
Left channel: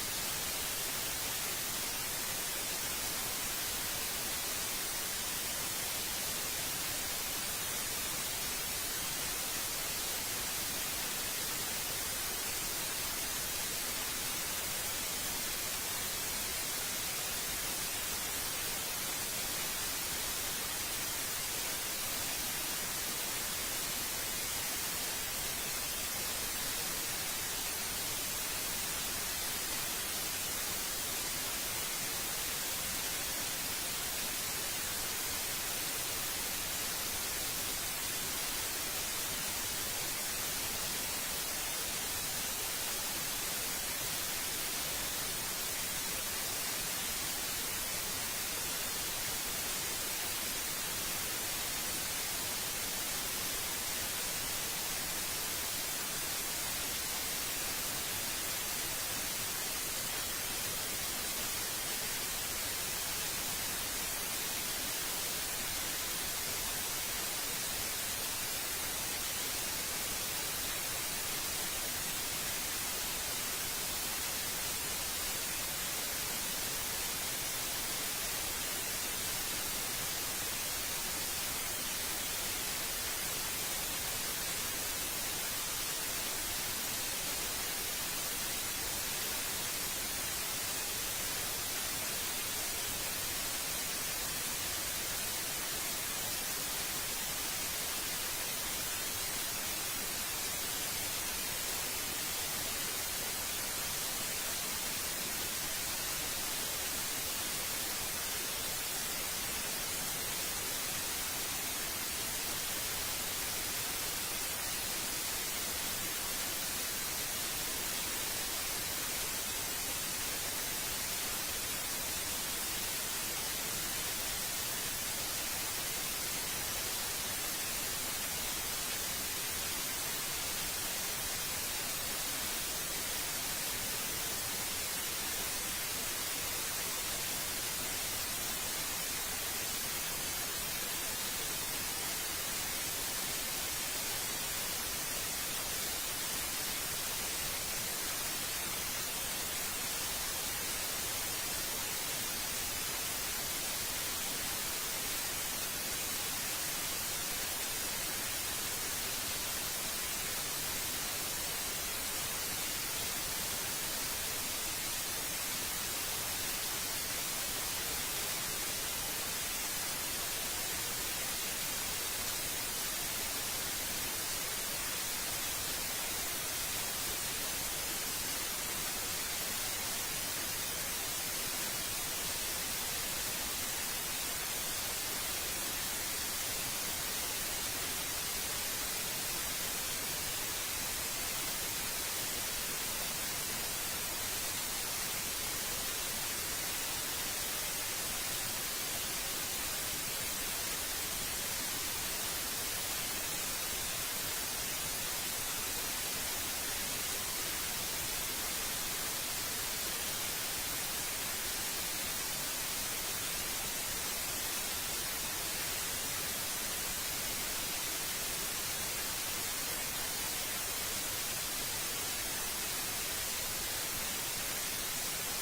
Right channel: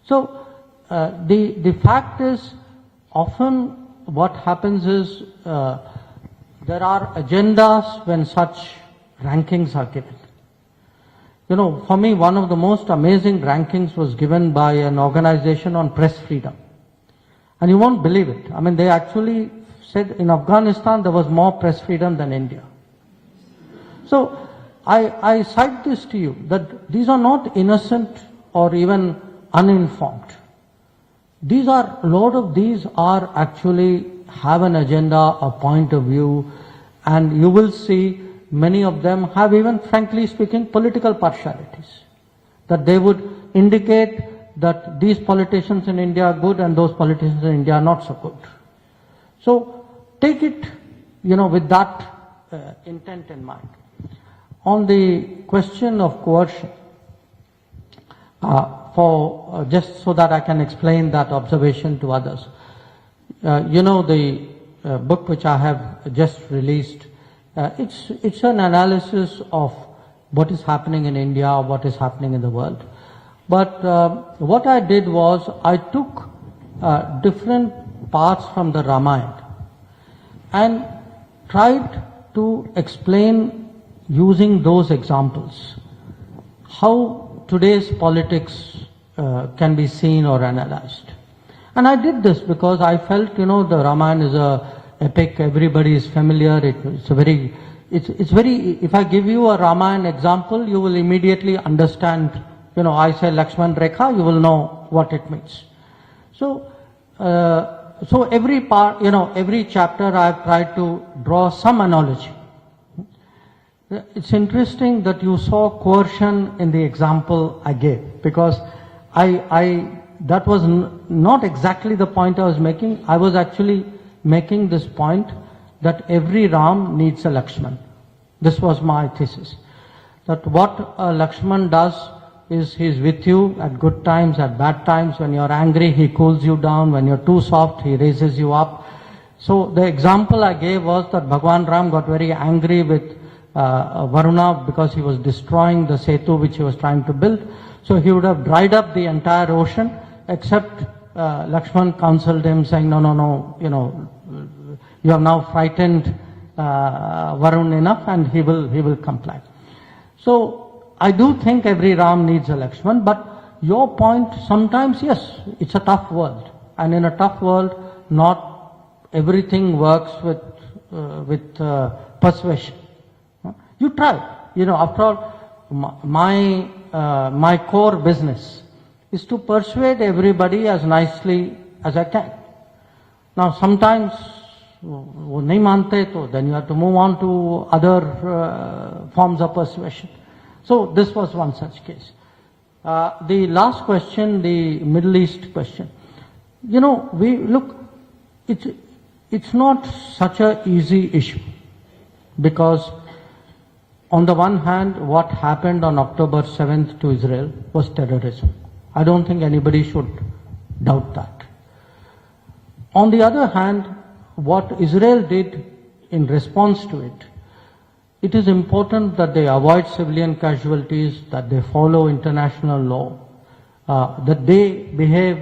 So, the fact is, often what happens is, there are agendas when such rankings are given. For me, one of the most amazing rankings was given by an organization on press freedom. And you won't believe it. They actually said in Afghanistan there was more press freedom than India. So I cite this to you, that these are not innocent or even uninformed. A lot of these are actually have an agenda, a point of view, and you will see many of them have even, frankly speaking, political partialities. That they would indicate that these politicians in India are good and those politicians in India are not so good. So take it, with that intent in mind. On the question of coercion, just so that I can explain that observation to others. The book which I have just released, it's an analysis of what is happening in India, what is happening in the world. But what I did was I took different parts from the Ramayana and tried to explain using those examples how today's politics can be seen or analyzed. And I did this because I felt, the Ramayana is a epic, everybody is familiar, it's very, if I give you a Ramayana example, you will immediately understand, I say Lakshman Rekha, you will know what it means. So every part, every chapter I have tried to draw some analogy. It's interesting that you saw coercion in the example I gave, because that was not exactly the point I was making. I was actually making this point that every Ram needs a Lakshman. This was my thesis. That what a Lakshman does is he's with you at good times, at bad times. When you're angry, he cools you down. When you're too soft, he raises you up. So the example I gave was that Bhagwan Ram got very angry with Varuna because he was destroying the Setu which he was trying to build. So he would have dried up the entire ocean, except Lakshman counseled him saying, no, you have now frightened Varun enough and he will comply. So I do think every Ram needs a Lakshman, but your point, sometimes, yes, it's a tough world. And in a tough world, not everything works with persuasion. You try. After all, my core business is to persuade everybody as nicely as I can. Now, sometimes, then you have to move on to other forms of persuasion. So this was one such case. The last question, the Middle East question. It's not such an easy issue, because on the one hand, what happened on October 7th to Israel was terrorism. I don't think anybody should doubt that. On the other hand, what Israel did in response to it, it is important that they avoid civilian casualties, that they follow international law, that they behave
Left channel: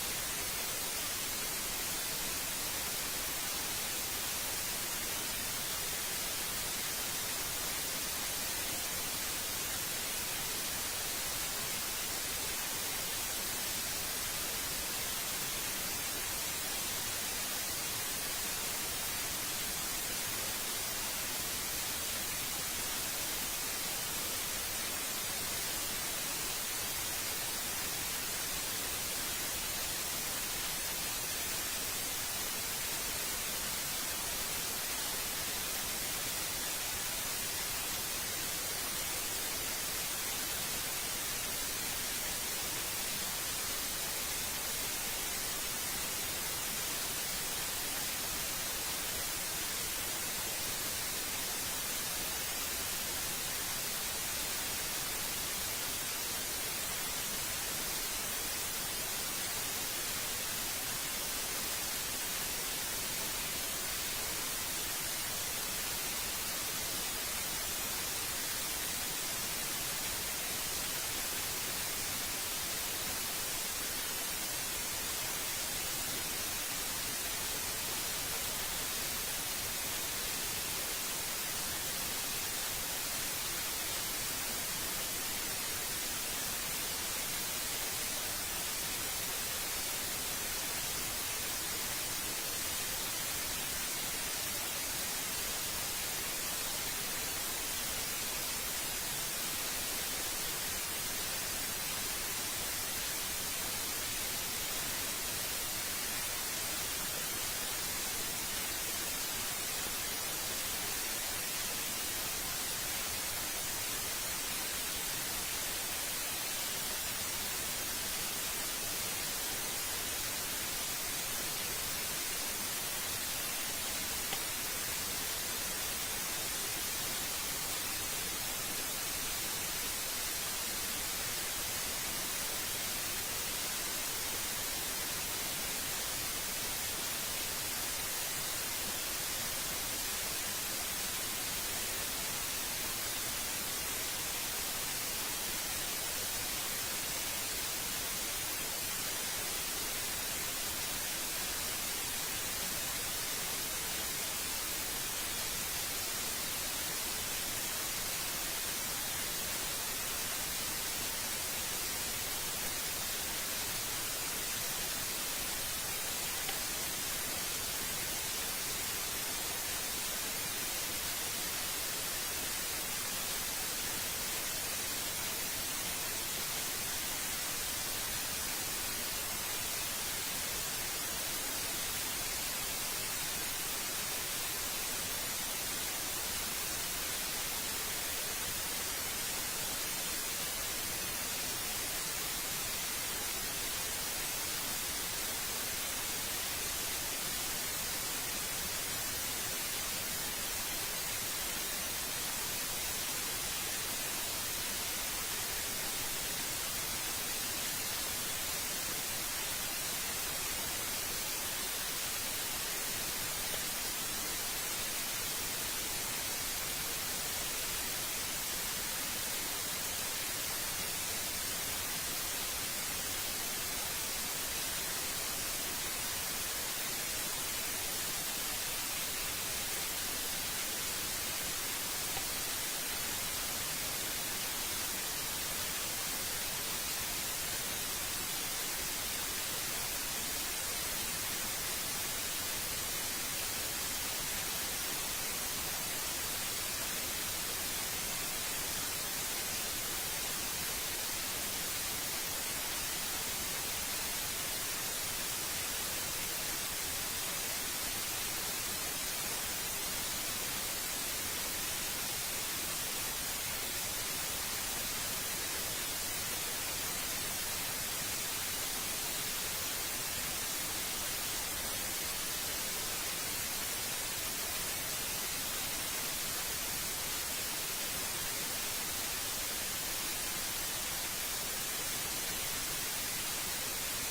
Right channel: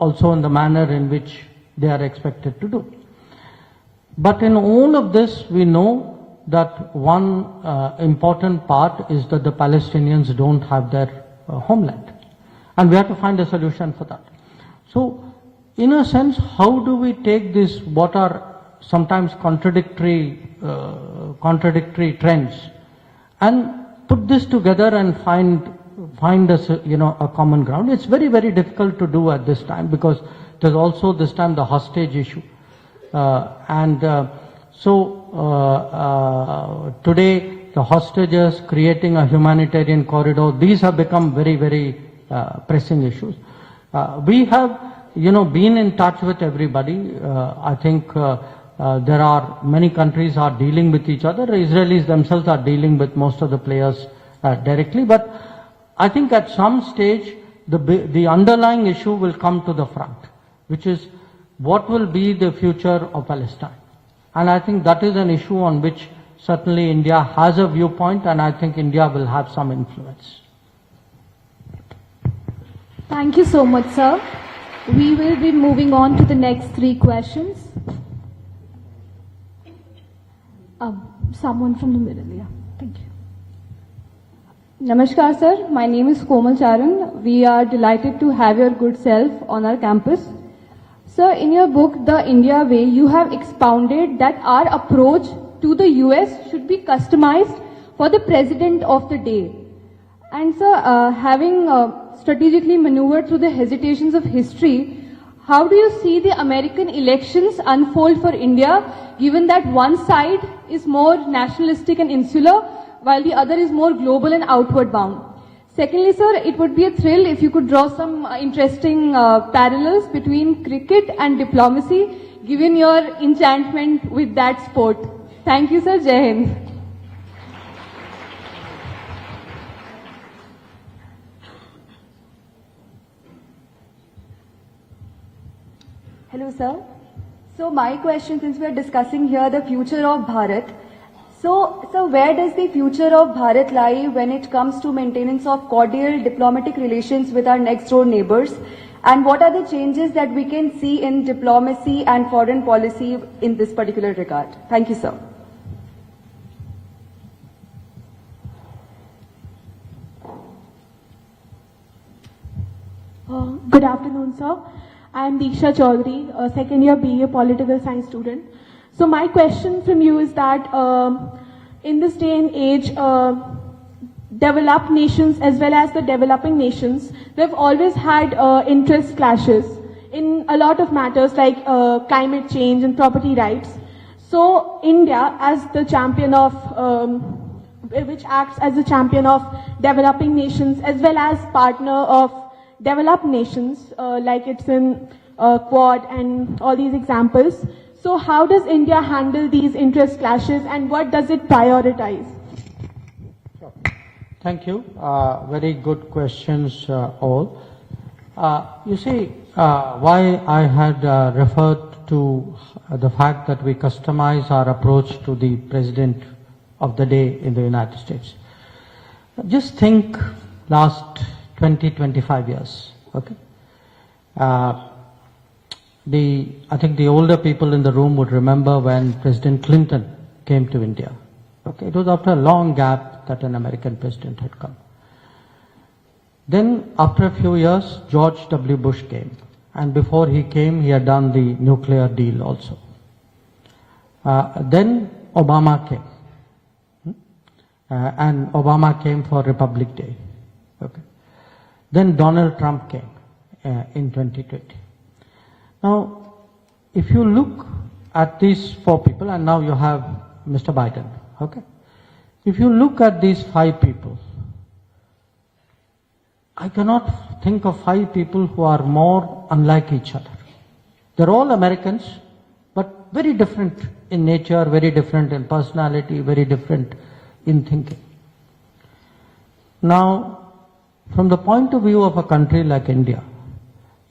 also in the manner in which they are expected to do. But in all of this, we know that one important part is that the Palestinians don't have their homeland. And we have to find a solution for that. So, in a sense, how do we take this, what are sometimes contradictory trends, and put this together and find a common ground? It's very, very difficult to do at this time, because there's also this time the hostage issue. So today the hostages, creating a humanitarian corridor, these have become very, very pressing issues. We have, been in touch with everybody. I think there are many countries are dealing with each other. The Israelis themselves are dealing with most of the players directly. But I think at some stage the underlying issue will come to the front, which is what will be the future of Palestine. And I think that is an issue on which certainly India has a viewpoint, and I think India will have some influence. Thank you so much, sir. We will be moving on to the next three questions. Someone from the middle. Namaskar, sir. My name is Komal Charan. We are delighted to have your good self on our campus. Sir, in your book, The India Way, you have expounded that our approach to the US should be customized for the president of the day. And sir, having strategically maneuvered through the hesitations of history, How do you see the American elections unfold for India, given that one side is more nationalistic and insular, while the other is more global and outward bound? Secondly, sir, it would be a thrill if you could draw some interesting parallels between cricket and diplomacy, given your enchantment with that sport. Thank you, sir. Jai Hind. Hello, sir. So my question, since we are discussing here the future of Bharat, so where does the future of Bharat lie when it comes to maintenance of cordial diplomatic relations with our next door neighbors? And what are the changes that we can see in diplomacy and foreign policy in this particular regard? Thank you, sir. Good afternoon, sir. I am Deeksha Chaudhary, a second year BA Political Science student. So my question to you is that in this day and age, developed nations as well as the developing nations, they've always had interest clashes in a lot of matters like climate change and property rights. So India, as the champion of, which acts as a champion of developing nations as well as partner of developed nations, like it's in Quad and all these examples. So how does India handle these interest clashes and what does it prioritize? Thank you. Very good questions all. You see, why I had referred to the fact that we customize our approach to the President of the day in the United States. Just think last 20-25 years. Okay. I think the older people in the room would remember when President Clinton came to India. Okay. It was after a long gap that an American president had come. Then after a few years, George W. Bush came. And before he came, he had done the nuclear deal also. Then Obama came. And Obama came for Republic Day. Okay. Then Donald Trump came in 2020. Now, if you look at these four people, and now you have Mr. Biden, okay? If you look at these five people, I cannot think of five people who are more unlike each other. They're all Americans, but very different in nature, very different in personality, very different in thinking. Now, from the point of view of a country like India,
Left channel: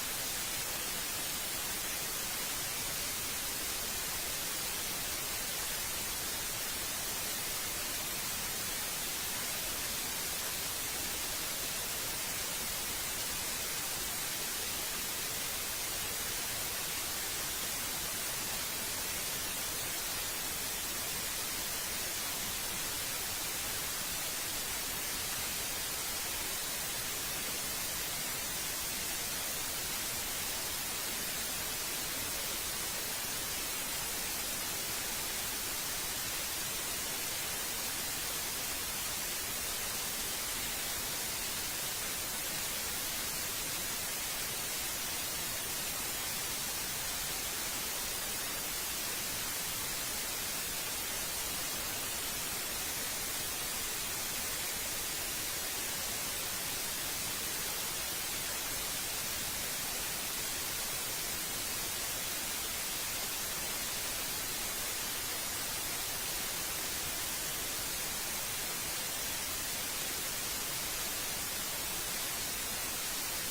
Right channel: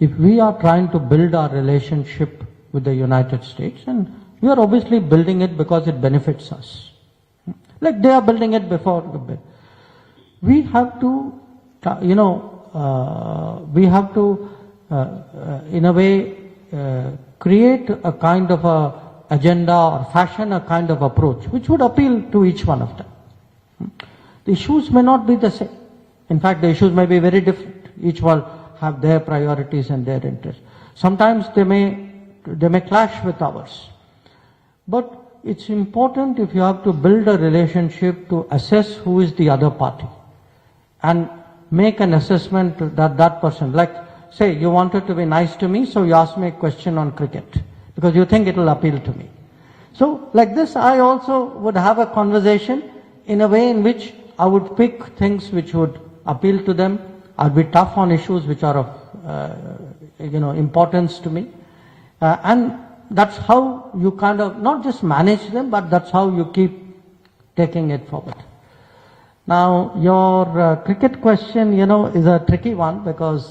if we are trying to build our relationship with the United States, and we are obviously building it because it benefits us. Like they are building it before the bid. We have to, we have to, in a way, create a kind of a agenda or fashion a kind of approach which would appeal to each one of them. Issues may not be the same. In fact, the issues may be very different. Each one have their priorities and their interests. Sometimes they may clash with ours. But it's important, if you have to build a relationship, to assess who is the other party and make an assessment that that person, like say you wanted to be nice to me, so you ask me a question on cricket because you think it will appeal to me. So like this, I also would have a conversation in a way in which I would pick things which would appeal to them. I'd be tough on issues which are of importance to me, and that's how you kind of not just manage them, but that's how you keep taking it forward. Now, your cricket question, is a tricky one because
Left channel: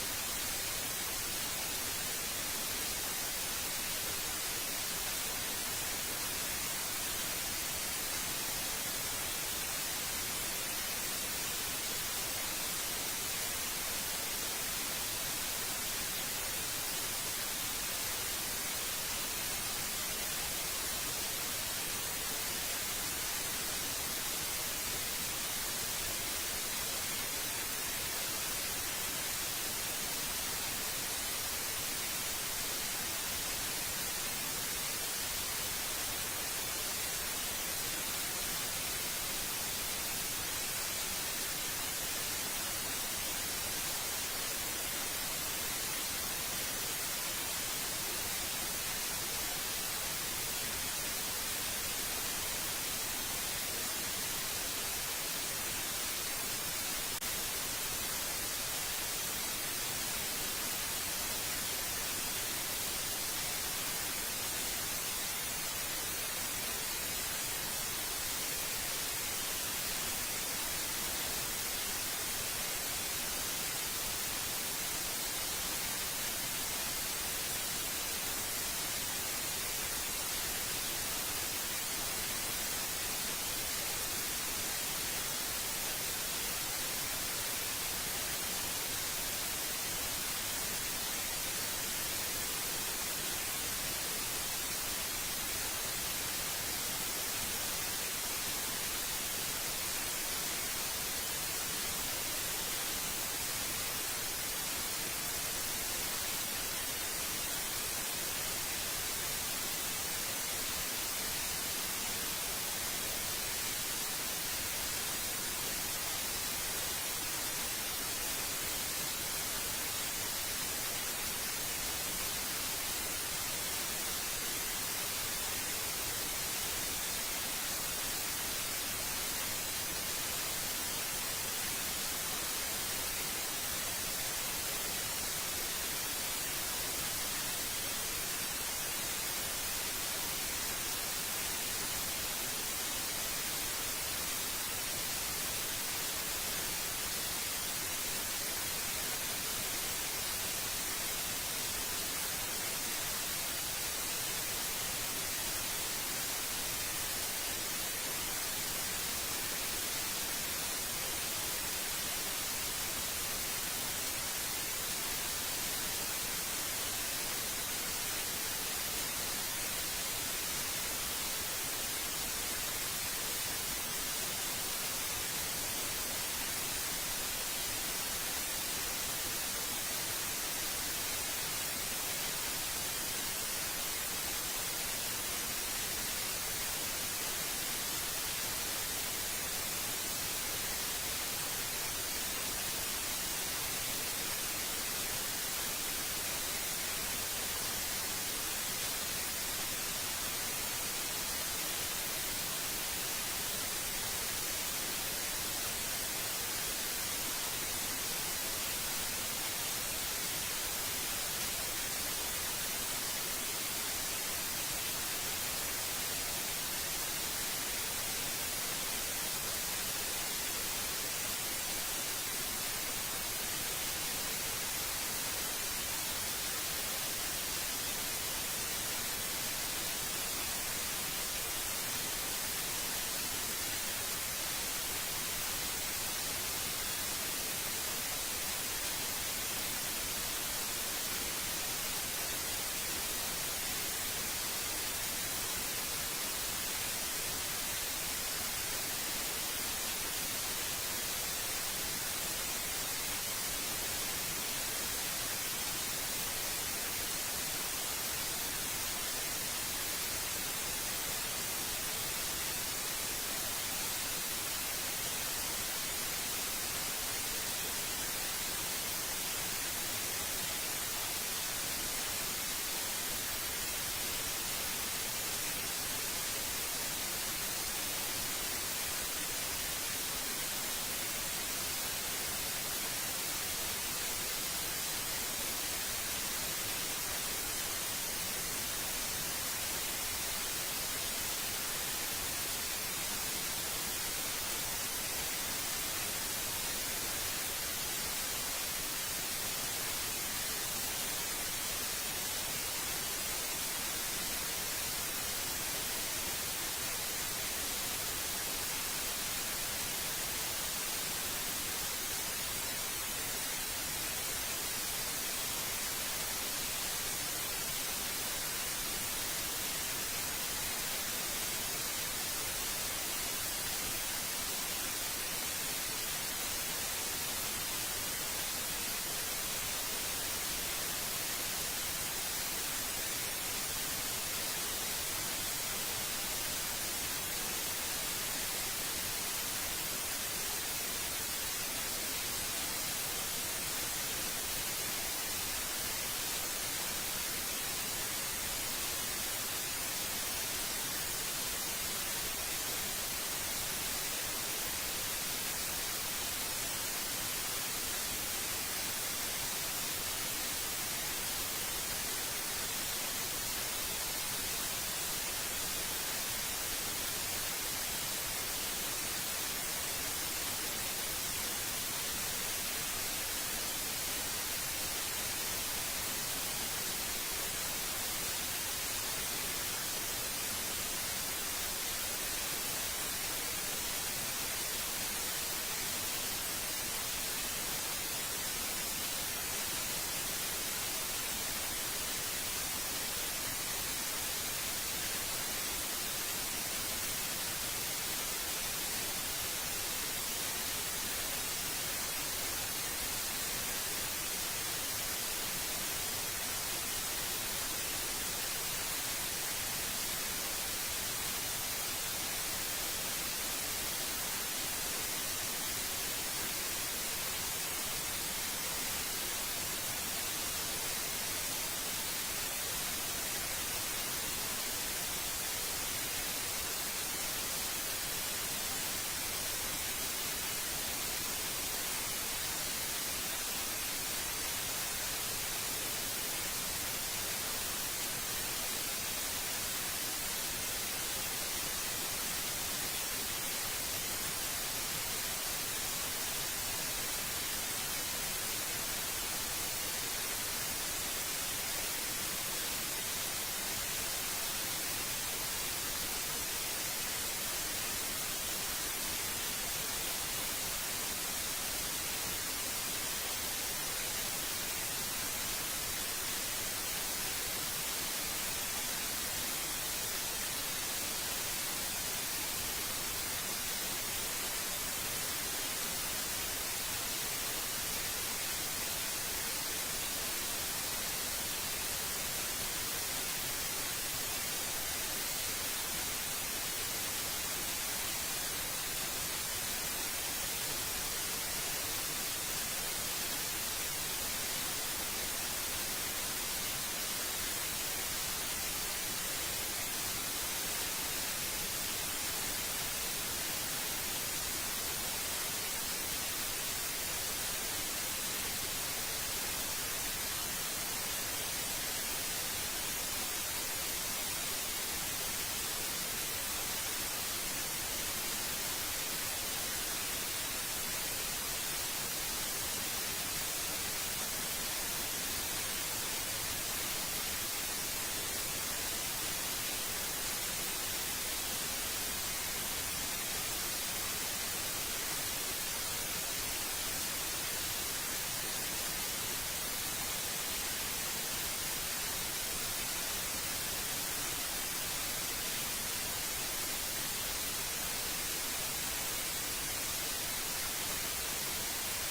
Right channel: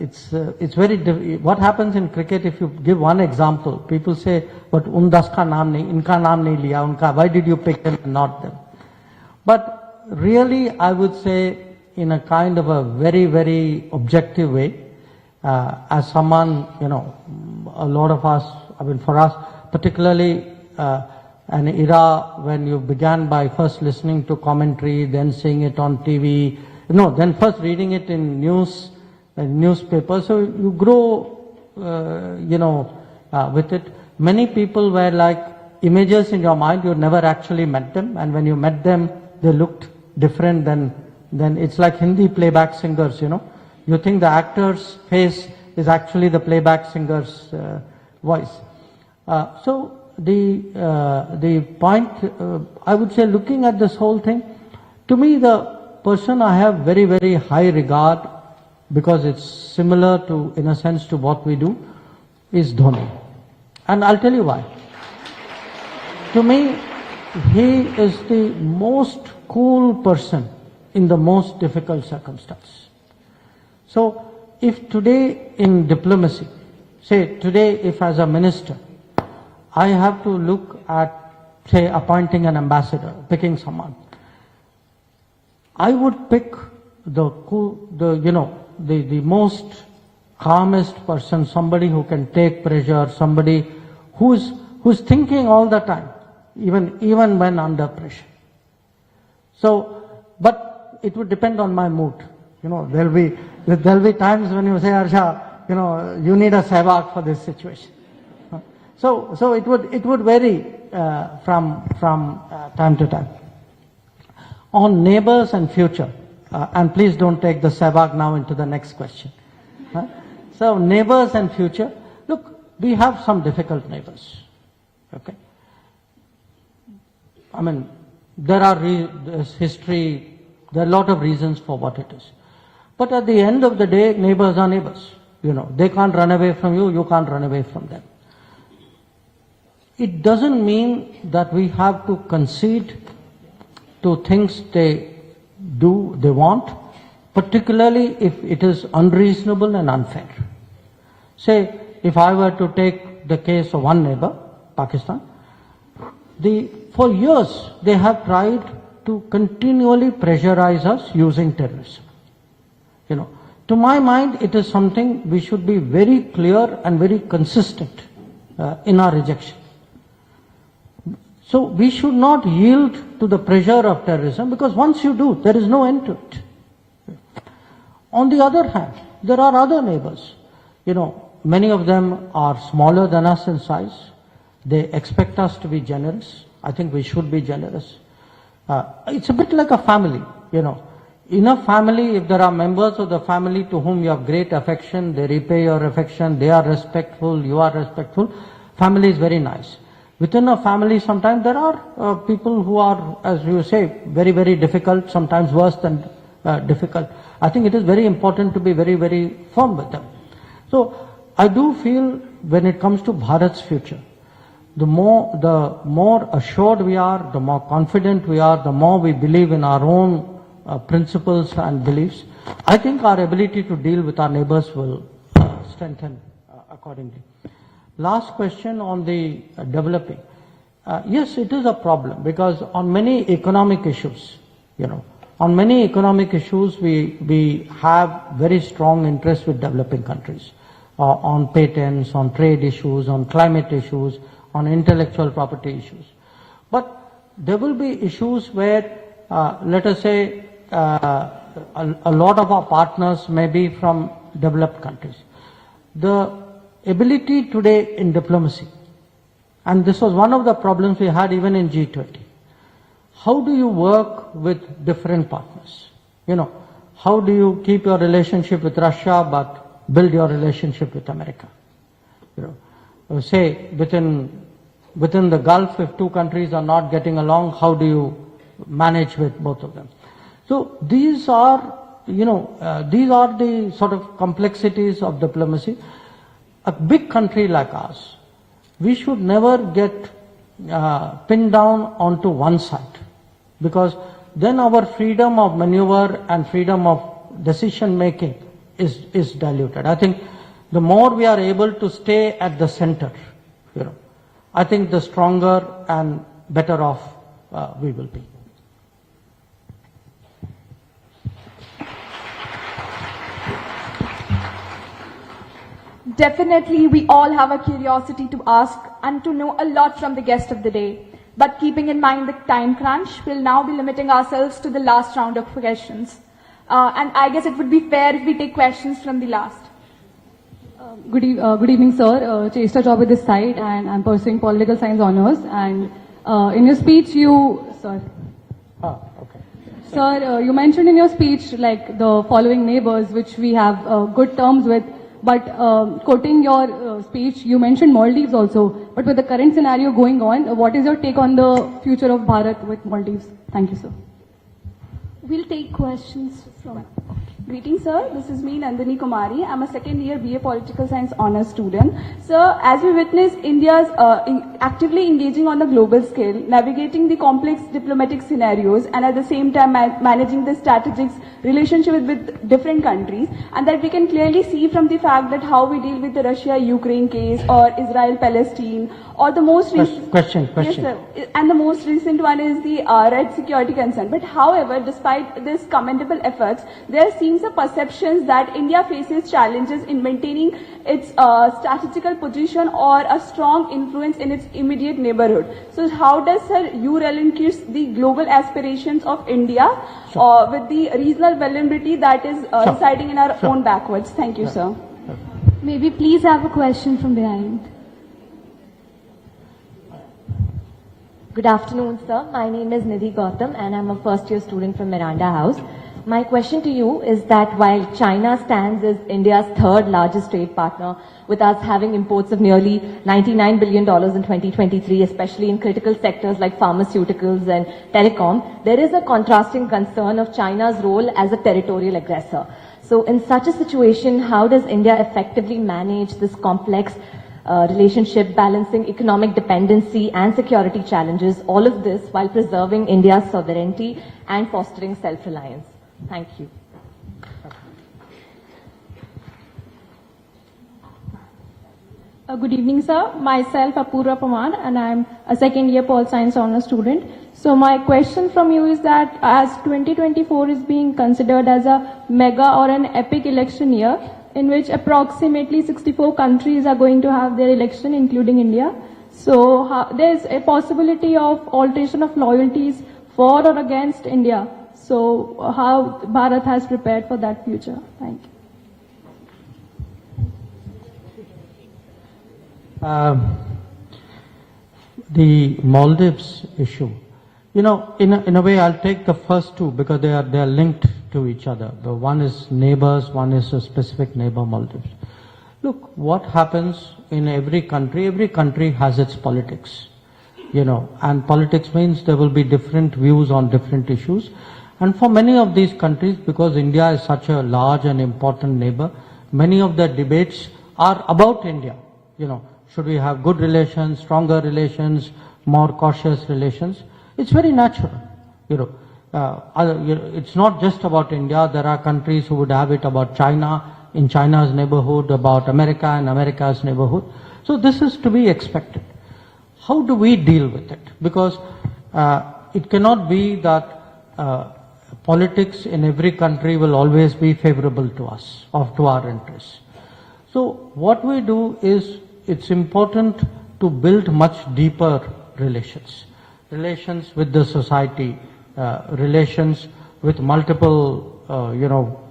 it's very what happens in cricket. If you give one example, people say, "But undas ka naam nahi, inka naam nahi liya, unka. Why did you pick them and not them?" But really, I would say, in a kind of a very, very objective way, as someone, a lot of us, for us, particularly an era when you began by first listening to commentary, then seeing it on TV, then first reading it in newspapers, so you grow, with it. Many people were like images in your mind, you never actually met them, and when you met them, they looked different than it's like Hindi playback singers, You think the actor's face is actually the playback singer's voice. So the point, I would say, looking at this whole thing, to me the person I have very, very high regard, because it's similar to, in a sense, to what we do, is Dhoni. And I'll tell you why. To me, he is the most cool person in the most difficult circumstances. So if today in diplomacy, say today if as a minister, I have to look at, say, appointing an ambassador, picking someone, I would pick the cool, the most calmest person, somebody who can take pressure, somebody who's thinking all the time, even when under pressure. So, but it would depend on my mood. There'll be times when you say, Harsha, you need a Sehwag for this situation. So it would vary from time to time. On neighbors and future, and please don't take the Sehwag now into the next question. So neighbors and future, look, we have some difficult neighbors. Okay. I mean, there's history, there are a lot of reasons for what it is. But at the end of the day, neighbors are neighbors. They can't run away from you, you can't run away from them. It doesn't mean that we have to concede to things they do, they want, particularly if it is unreasonable and unfair. Say, if I were to take the case of one neighbor, Pakistan, for years they have tried to continually pressurize us using terrorism. To my mind, it is something we should be very clear and very consistent in our rejection. So we should not yield to the pressure of terrorism, because once you do, there is no end to it. On the other hand, there are other neighbors. Many of them are smaller than us in size. They expect us to be generous. I think we should be generous. It's a bit like a family, In a family, if there are members of the family to whom you have great affection, they repay your affection, they are respectful, you are respectful, family is very nice. Within a family, sometimes there are people who are, as you say, very, very difficult, sometimes worse than difficult. I think it is very important to be very, very firm with them. So I do feel when it comes to Bharat's future, the more assured we are, the more confident we are, the more we believe in our own principles and beliefs, I think our ability to deal with our neighbors will strengthen accordingly. Last question on the developing. Yes, it is a problem, because on many economic issues, we have very strong interest with developing countries. On patents, on trade issues, on climate issues, on intellectual property issues. But there will be issues where, let us say, a lot of our partners may be from developed countries. The ability today in diplomacy, and this was one of the problems we had even in G20, how do you work with different partners? How do you keep your relationship with Russia but build your relationship with America? Say within the Gulf, if two countries are not getting along, how do you manage with both of them? So these are the sort of complexities of diplomacy. A big country like ours, we should never get pinned down onto one side, because then our freedom of maneuver and freedom of decision making is diluted. I think the more we are able to stay at the center, I think the stronger and better off we will be. Definitely, we all have a curiosity to ask and to know a lot from the guest of the day. But keeping in mind the time crunch, we'll now be limiting ourselves to the last round of questions. And I guess it would be fair if we take questions from the last. Good evening, sir. Chester Chaubey this side, and I'm pursuing political science honors. And in your speech, Sir, you mentioned in your speech like the following neighbors which we have good terms with, But quoting your speech, you mentioned Maldives also. But with the current scenario going on, what is your take on the future of Bharat with Maldives? Thank you, sir. We'll take questions. Greetings, sir. This is me, Nandini Kumari. I'm a second year BA Political Science Honours student. Sir, as we witness India's actively engaging on the global scale, navigating the complex diplomatic scenarios, and at the same time managing the strategic relationship with different countries, and that we can clearly see from the fact that how we deal with the Russia-Ukraine case or Israel-Palestine, or the most recent... Question. Yes, sir. And the most recent one is the red security concern. But however, despite this commendable efforts, there seems a perception that India faces challenges in maintaining its strategical position or a strong influence in its immediate neighborhood. So how does, sir, you relinquish the global aspirations of India with the regional vulnerability that is residing in our own backwards? Thank you, sir. May we please have a question from behind? Good afternoon, sir. My name is Nidhi Gautam and I'm a first year student from Miranda House. My question to you is that while China stands as India's third largest trade partner, with us having imports of nearly $99 billion in 2023, especially in critical sectors like pharmaceuticals and telecom, there is a contrasting concern of China's role as a territorial aggressor. So in such a situation, how does India effectively manage this complex relationship, balancing economic dependency and security challenges, all of this while preserving India's sovereignty and fostering self-reliance? Thank you. Good evening, sir. Myself, Apurva Pamar, and I'm a second year Pol Science Honours student. So my question from you is that as 2024 is being considered as a mega or an epic election year, in which approximately 64 countries are going to have their election, including India. So there's a possibility of alteration of loyalties for or against India. So how Bharat has prepared for that future? Thanks. The Maldives issue. You know, in a way, I'll take the first two because they are linked to each other. The one is neighbors, one is a specific neighbor, Maldives. Look, what happens in every country has its politics, you know, and politics means there will be different views on different issues. And for many of these countries, because India is such a large and important neighbor, many of the debates are about India, you know. Should we have good relations, stronger relations, more cautious relations? It's very natural, you know. It's not just about India. There are countries who would have it about China, in China's neighborhood, about America and America's neighborhood. So this is to be expected. How do we deal with it? Because it cannot be that politics in every country will always be favorable to us or to our interests. So what we do is, it's important to build much deeper relations with the society, relations with multiple,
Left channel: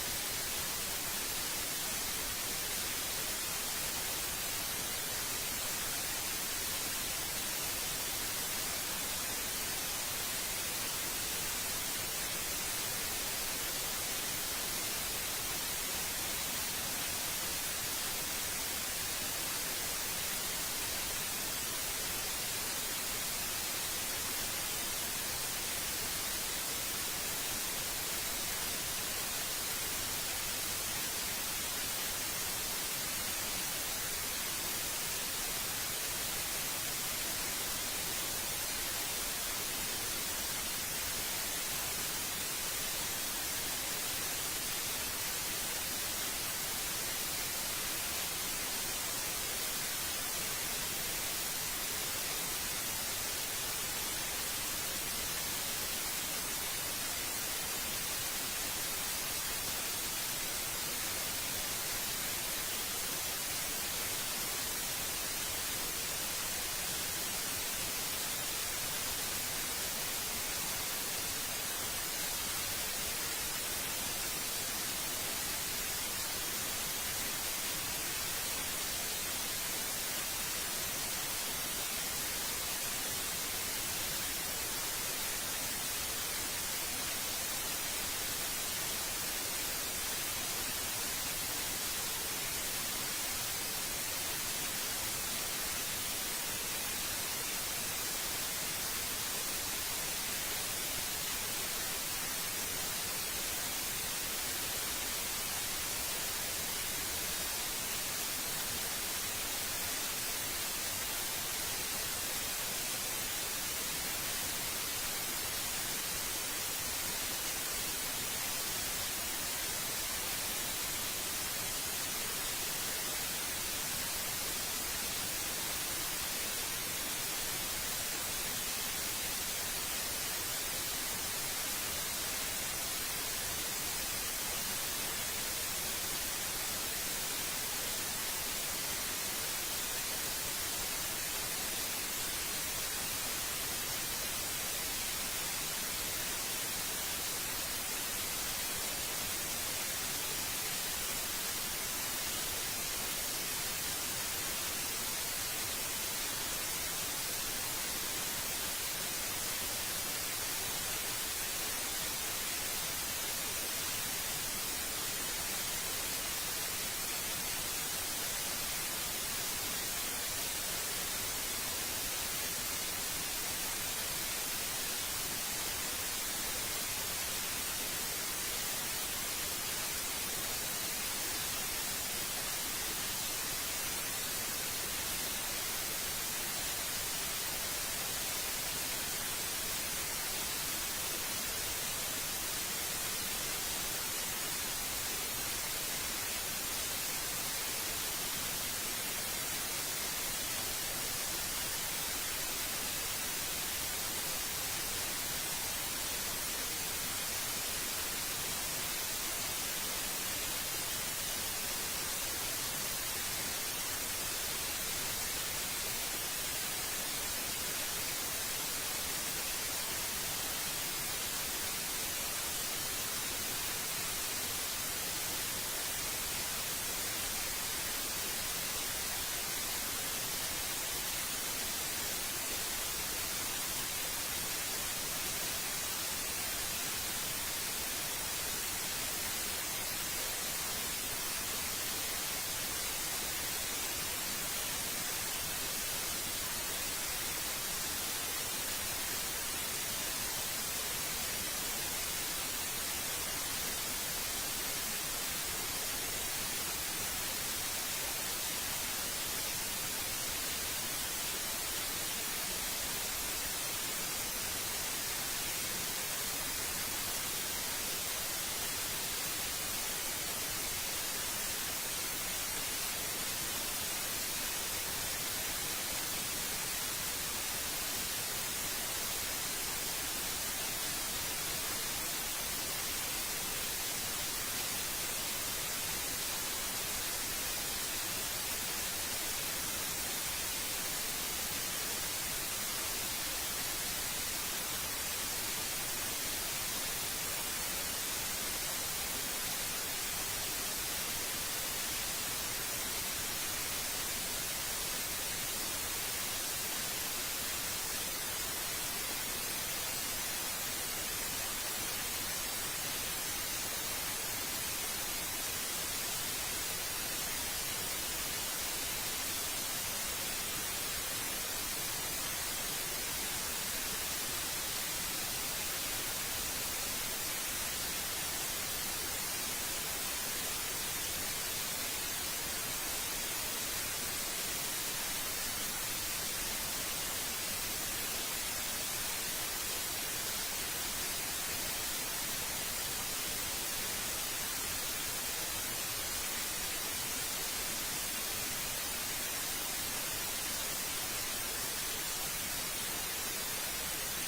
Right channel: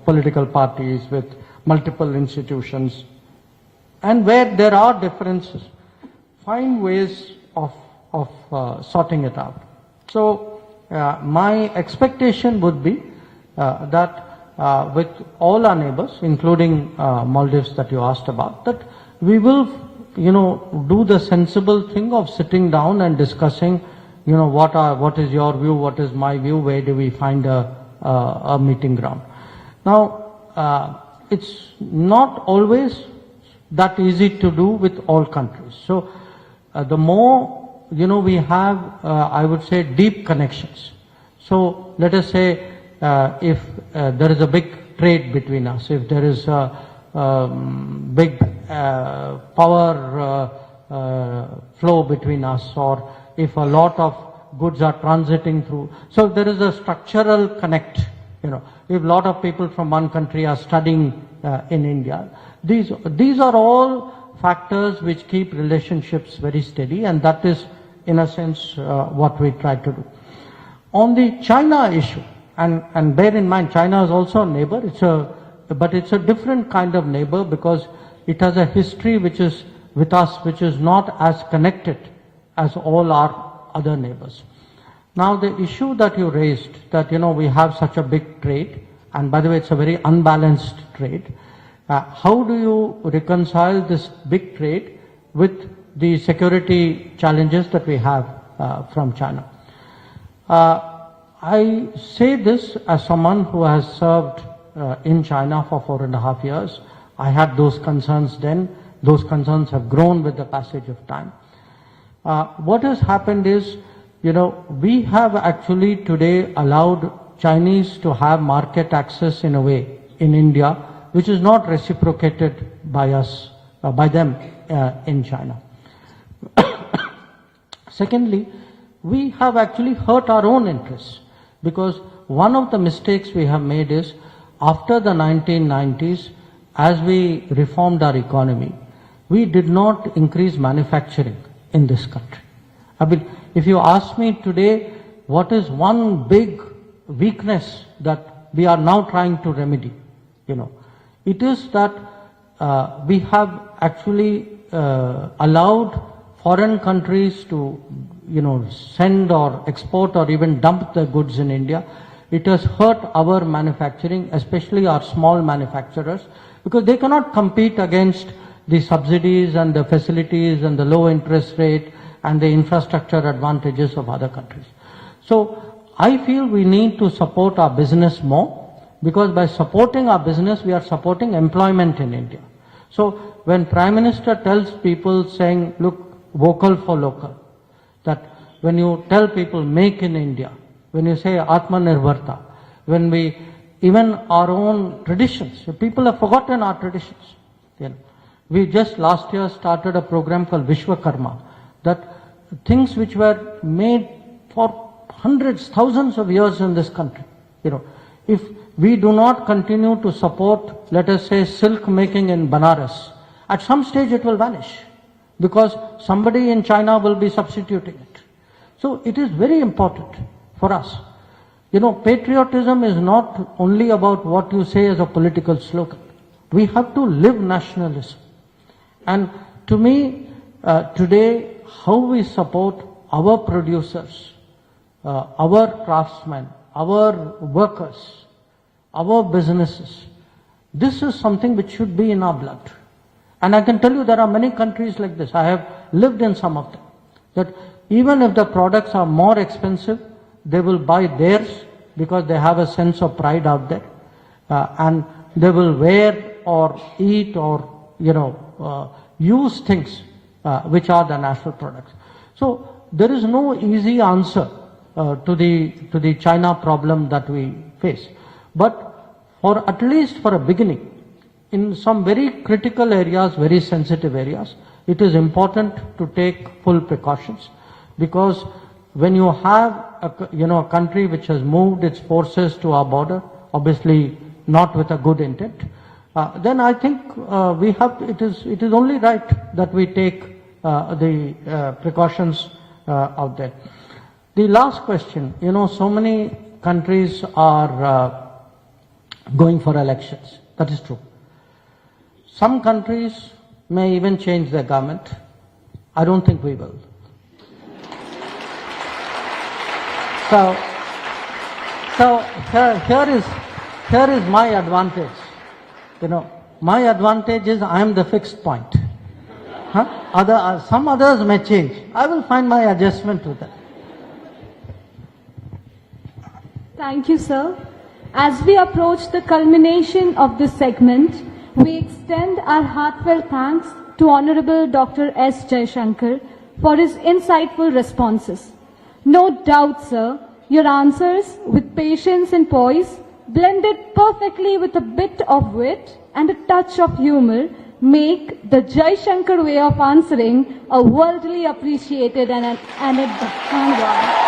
political parties, with multiple institutions, and where there are differences, find ways of sorting it out. So my expectation would be that with all our neighbors, including Maldives that you asked about, that we will, do the sensible thing of sitting down and discussing, what is your view, what is my view, where do we find a meeting ground. Now, it's not always that easy to do with all countries. So the more, we have, I would say, deep connections. So let us say if there is a big trade between us, if there is a big power flow between us, or if a lot of goods are transiting through. So there is a structural connect, if a lot of people from one country are studying in India. These are all factors which keep relationships very steady, and that is, in a sense, what we try to do. On the China issue, and bear in mind, China is also a neighbor, but it's a different kind of neighbor because it has a history which is with us, which is not as connected as all our other neighbors. Now the issue that you raised, that we have such a big trade, and by the way it's a very unbalanced trade, How do you reconcile this big trade with the security challenges that we have from China? I say this as someone who has served in China for 4.5 years. I had those concerns then. Those concerns have grown with the passage of time. What has happened is, we have actually today allowed Chinese to have market access in a way in India, which is not reciprocated by us, by them in China. Secondly, we have actually hurt our own interests, because one of the mistakes we have made is, after the 1990s, as we reformed our economy, we did not increase manufacturing in this country. I mean, if you ask me today, what is one big weakness that we are now trying to remedy, it is that we have actually allowed foreign countries to, send or export or even dump their goods in India. It has hurt our manufacturing, especially our small manufacturers, because they cannot compete against the subsidies and the facilities and the low interest rate and the infrastructure advantages of other countries. So I feel we need to support our business more, because by supporting our business, we are supporting employment in India. So when Prime Minister tells people saying, look, vocal for local, that when you tell people make in India, when you say Atmanirbharta, when we, even our own traditions, the people have forgotten our traditions. We just last year started a program called Vishwakarma, that things which were made for hundreds, thousands of years in this country, if we do not continue to support, let us say, silk making in Banaras, at some stage it will vanish, because somebody in China will be substituting it. So it is very important for us. Patriotism is not only about what you say as a political slogan. We have to live nationalism. And to me, today, how we support our producers, our craftsmen, our workers, our businesses, this is something which should be in our blood. And I can tell you there are many countries like this. I have lived in some of them. That even if the products are more expensive, they will buy theirs because they have a sense of pride out there. And they will wear or eat or, use things which are the national products. So there is no easy answer to the China problem that we face. But at least for a beginning, in some very critical areas, very sensitive areas, it is important to take full precautions, because when you have a country which has moved its forces to our border, obviously not with a good intent, then I think it is only right that we take the precautions out there. The last question, so many countries are going for elections. That is true. Some countries may even change their government. I don't think we will. So here is my advantage. My advantage is I am the fixed point. Some others may change. I will find my adjustment to that. Thank you, sir. As we approach the culmination of this segment, we extend our heartfelt thanks to Honorable Dr. S. Jaishankar for his insightful responses. No doubt, sir, your answers with patience and poise, blended perfectly with a bit of wit and a touch of humor, make the Jaishankar way of answering a worldly appreciated and a one.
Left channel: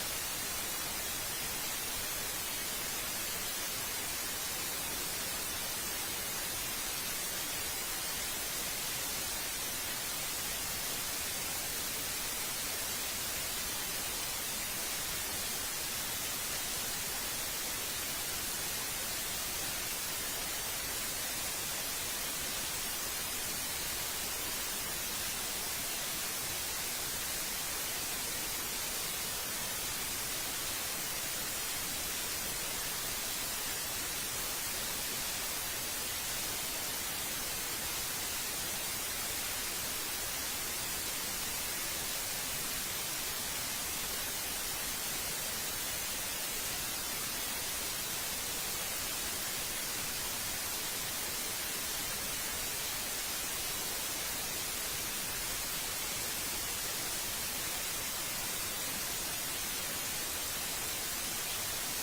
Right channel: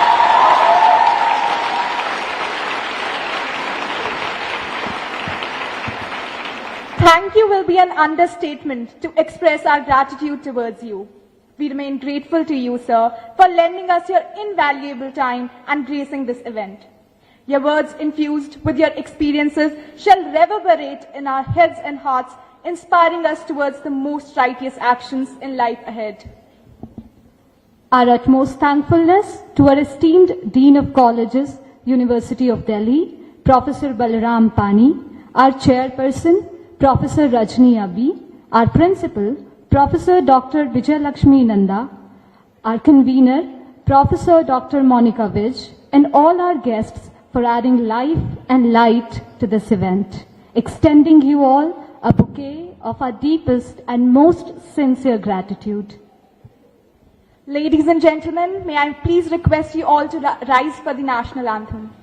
Thank you will be an understatement to express our gratitude towards you. We remain grateful to you, sir, for lending us your invaluable time and gracing this event. Your words infused with your experiences shall reverberate in our heads and hearts, inspiring us towards the most righteous actions in life ahead. Our utmost thankfulness to our esteemed Dean of Colleges, University of Delhi, Professor Balaram Pani, our chairperson, Professor Rajni Abi, our principal, Professor Dr. Vijayalakshmi Nanda, our convener, Professor Dr. Monica Vij, and all our guests for adding life and light to this event. Extending you all a bouquet of our deepest and most sincere gratitude. Ladies and gentlemen, may I please request you all to rise for the national anthem.